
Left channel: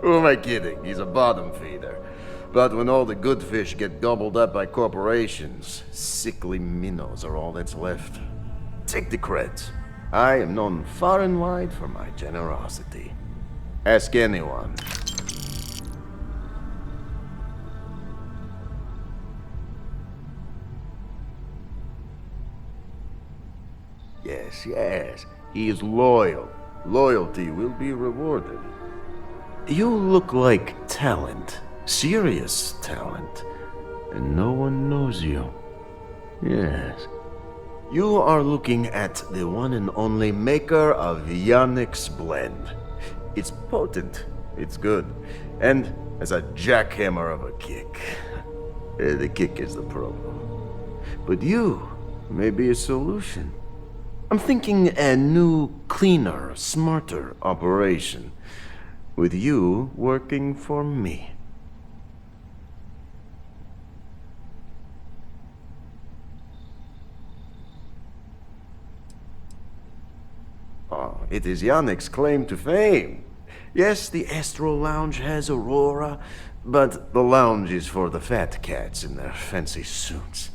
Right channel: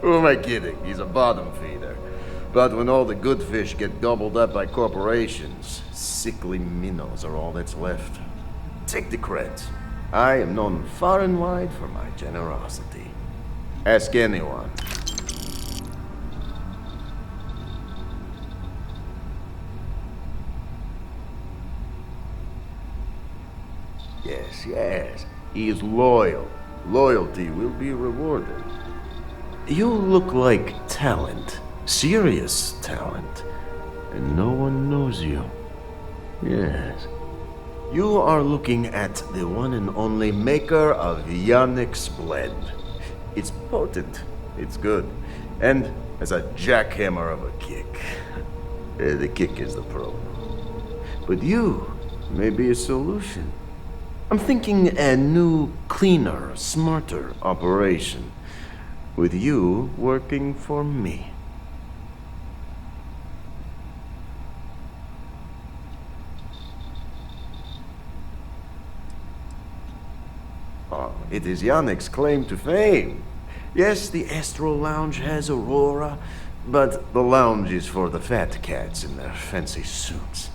Who am I kidding? He's a bottom feeder. But when all the good fish get gobbled up by corporations, sickly minnows are all that's left. Take the creds. I am known far and wide for my generosity. Ask anyone. Yes, yes. He is loyal. Loyalty will be rewarded. You look like talent. Serious talent. And no one knows you. Yes. You are looking at the one and only maker of Yannick's blend. It's potent, it's good, and has a jackhammer of a kick. The kick is the problem. But you may be a solution. I'm thinking a new, cleaner, smarter operation. With you working for me. Oh, it is Yannick's claim to fame. Yes, the Astro Lounge has Aurora, but the lounge is for the fat cats in their fancy suits.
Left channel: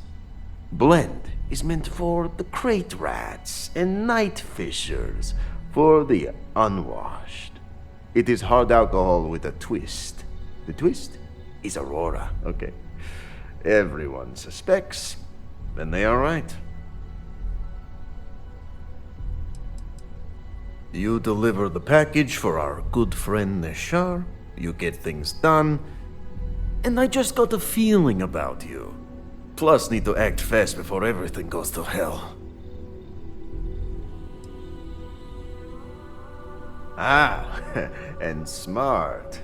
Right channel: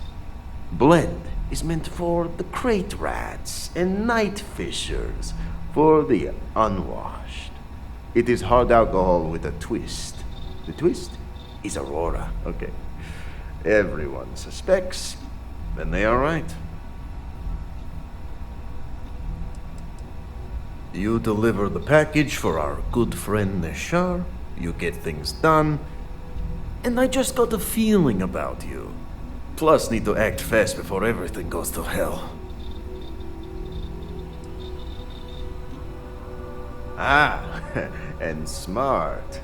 Blend is meant for the crate rats and night fishers, for the unwashed. It is hard alcohol with a twist. The twist is Aurora, okay? Everyone suspects, and they are right. You deliver the package for our good friend Neshar, you get things done, and I just got a feeling about you. Plus, need to act fast before everything goes to hell. Ah, and smart.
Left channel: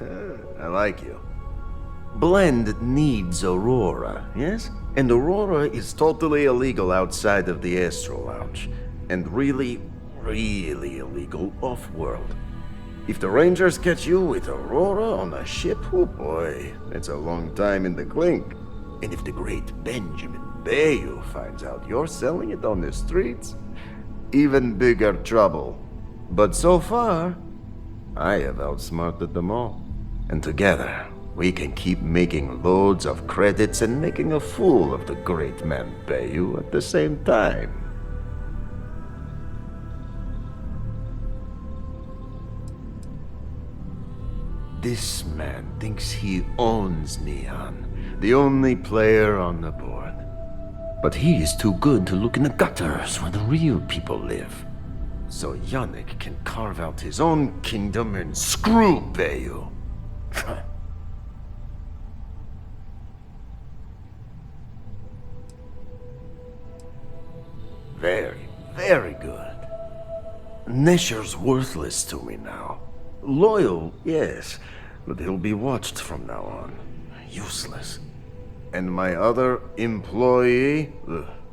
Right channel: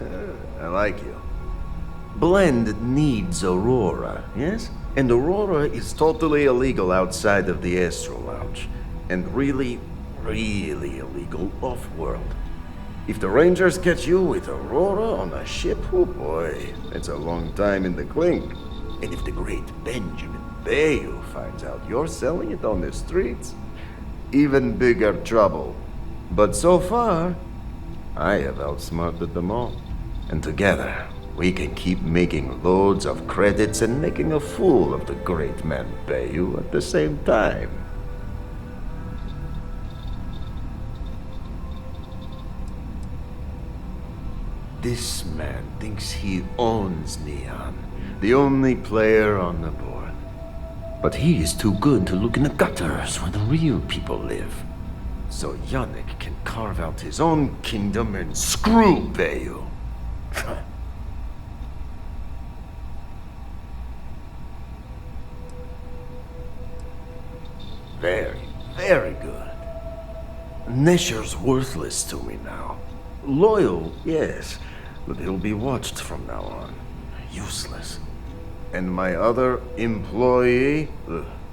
I like you. Blend needs Aurora, yes? And Aurora is totally illegal outside of the Astro Lounge. And really, really illegal off-world. If the Rangers catch you with Aurora on a ship, oh boy, that's a long time in the clink. And if the great Benjamin Bayou finds out you're selling it on the streets, even bigger trouble. But so far, I have outsmarted them all. And together, we can keep making loads of credits and making a fool of the great man Bayou at the same time. This man thinks he owns Neon, the only player on the board. But he is too good to look in the gutters where the real people live. So Yannick can carve out his own kingdom and screw Bayou. Very, very good. Nesher's worthless to me now. Loyal, yes, but he'll be watched from now on. Useless. And my other employee,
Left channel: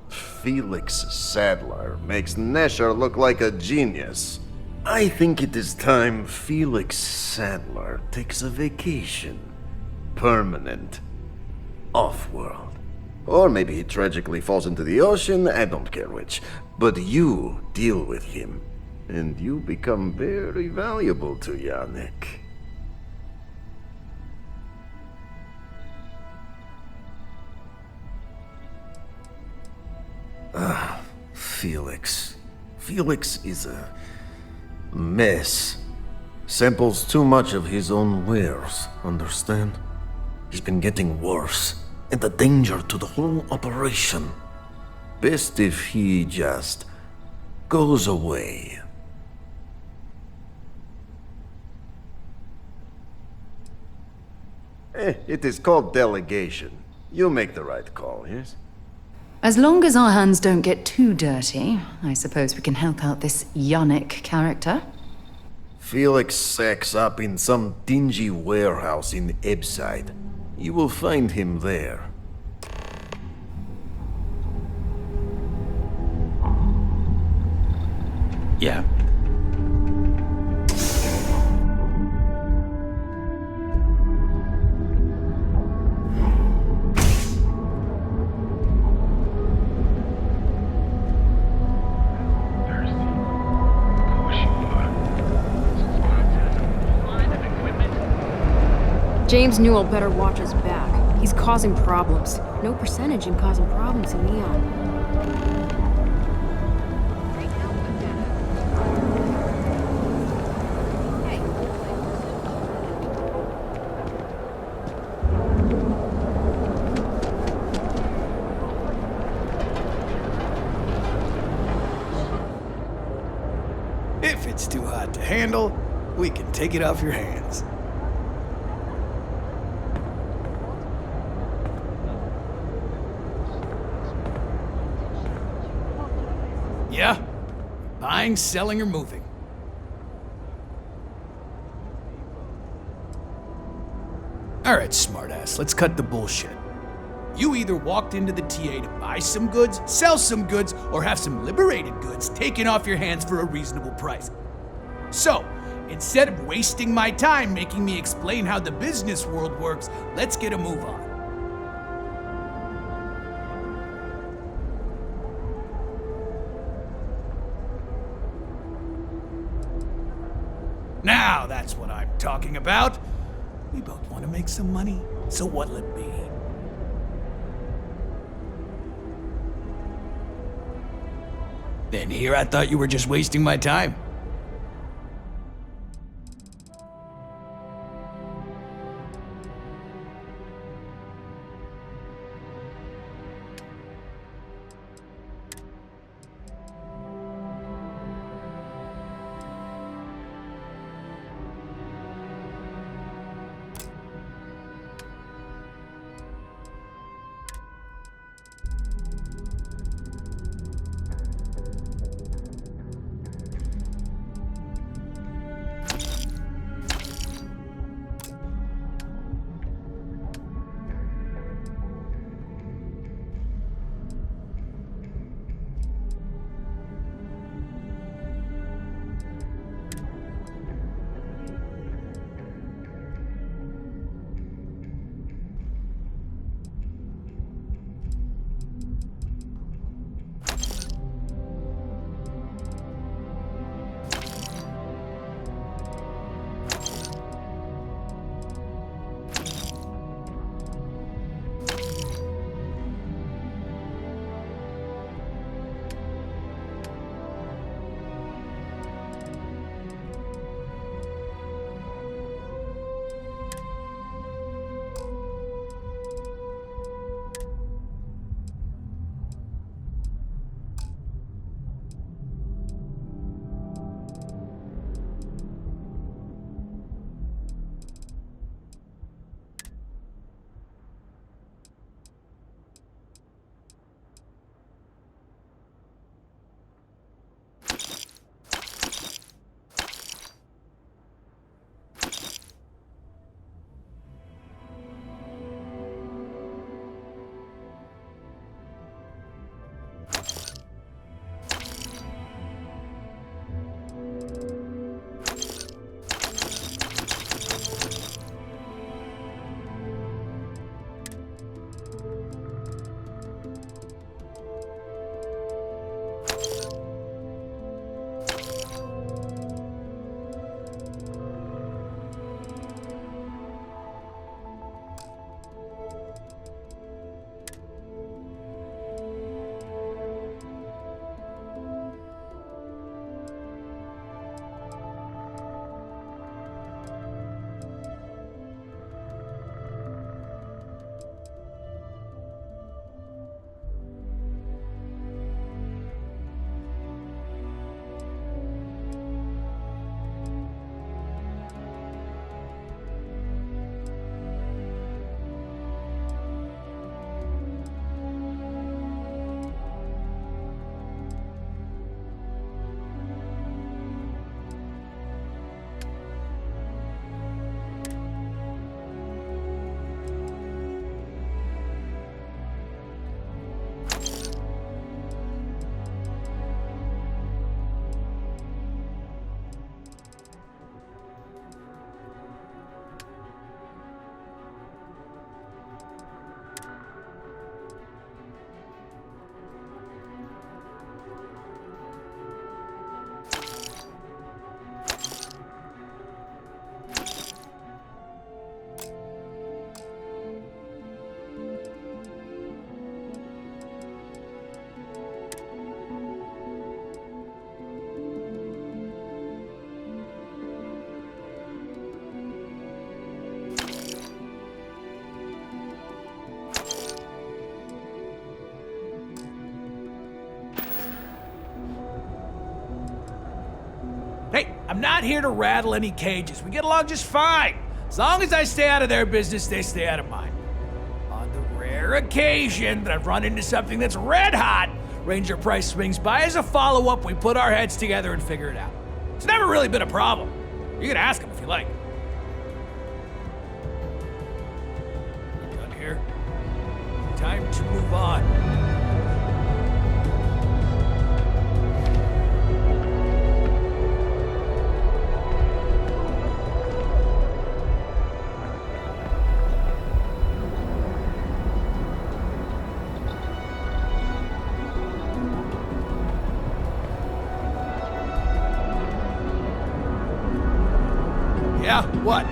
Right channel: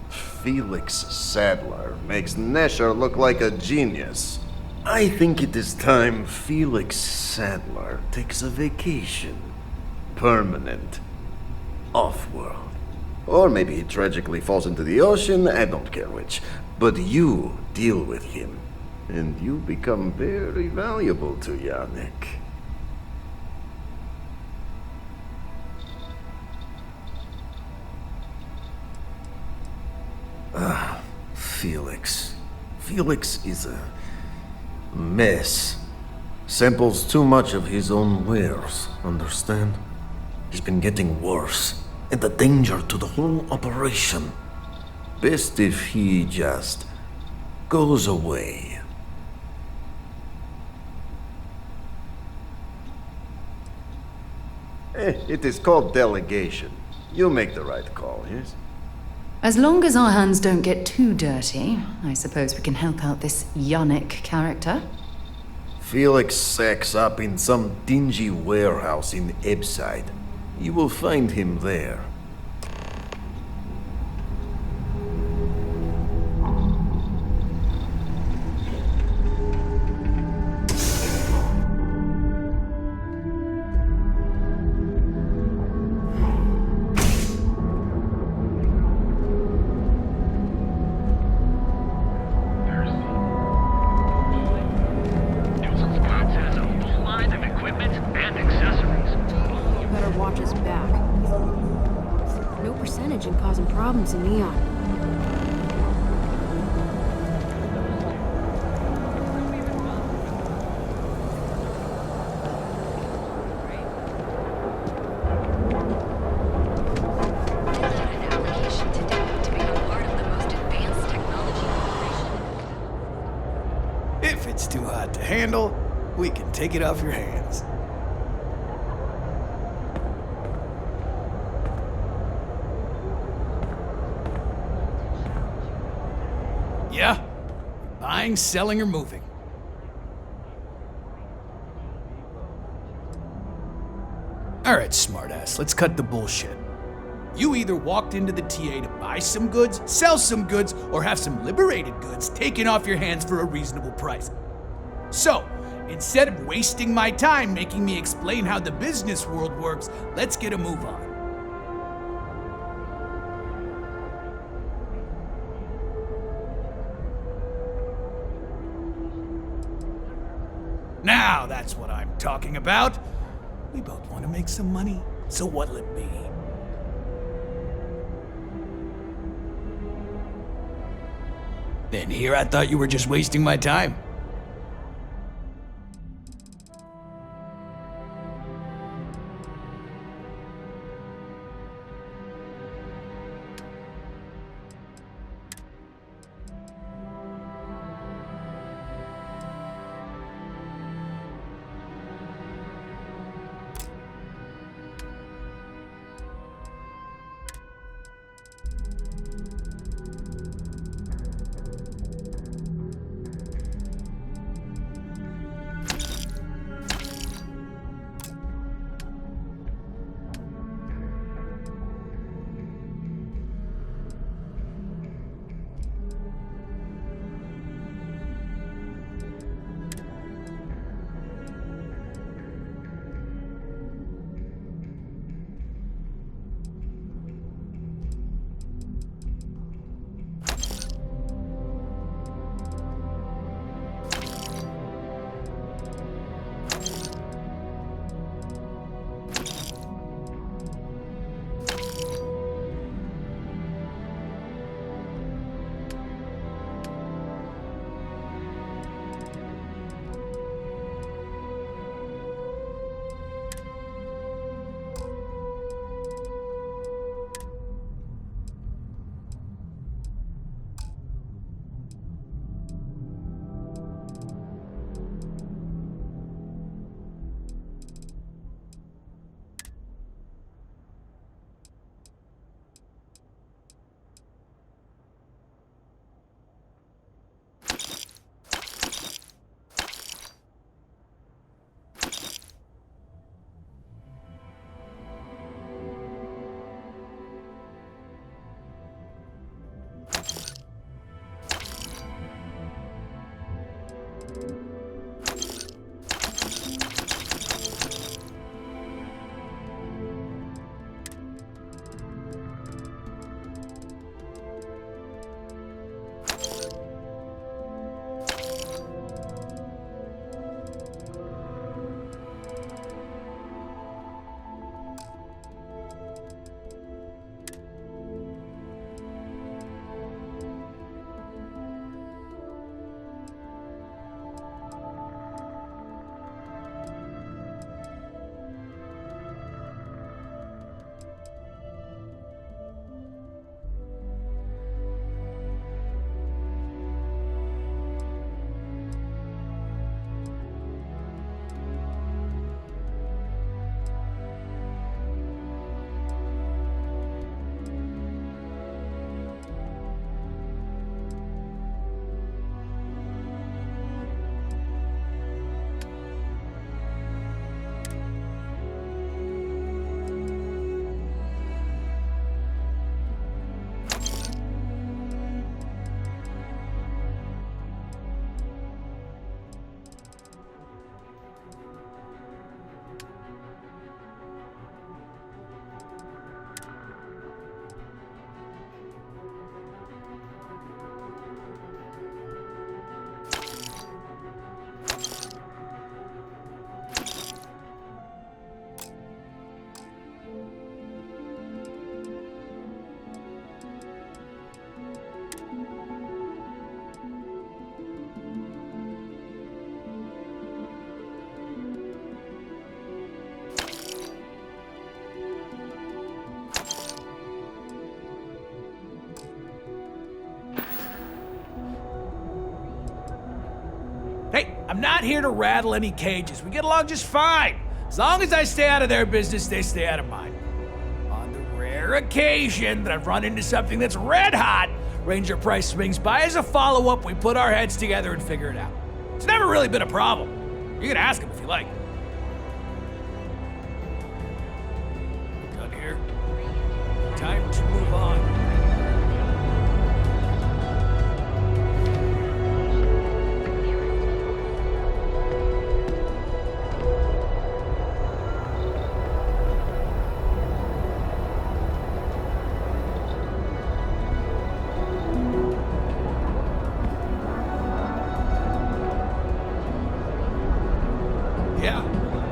Felix Sadler, makes Nesher look like a genius. I think it is time Felix Sadler takes a vacation. Permanent. Off-world. Or maybe he tragically falls into the ocean, I don't care which. But you deal with him, and you become very valuable to Yannick. Felix. Felix is a mess. Samples too much of his own wares, understand? He's been getting worse, and a danger to the whole operation. Best if he just goes away. It is called delegation. You make the right call, yes? As long as our hands don't get too dirty, I suppose we can help out this Yannick character. Felix sacks up in some dingy warehouse in Ebside. You will find him there. Yeah. James Newell better watch his back. He's causing problems. No percentage in causing problems in Neon. If it's too hot to handle, we can take it off your hands. Yeah? Buying, selling, or moving. Alright, smartass, let's cut the bullshit. You either walked into the TA to buy some goods, sell some goods, or have some liberated goods taken off your hands for a reasonable price. So, instead of wasting my time making me explain how the business world works, let's get a move on. Now that's what I'm talking about. We both want to make some money, so what'll it be? Then here I thought you were just wasting my time. I'm not here to rattle any cages. We get along just fine. As long as I stay out of their business, they stay out of mine. On the rare occasion that I've run into something that's red hot, Ranger Price swings by as a follow-up, we put our heads together and figure it out. It's never really been a problem. You can ask him if you like. Done here? Time to move on. Yeah? What?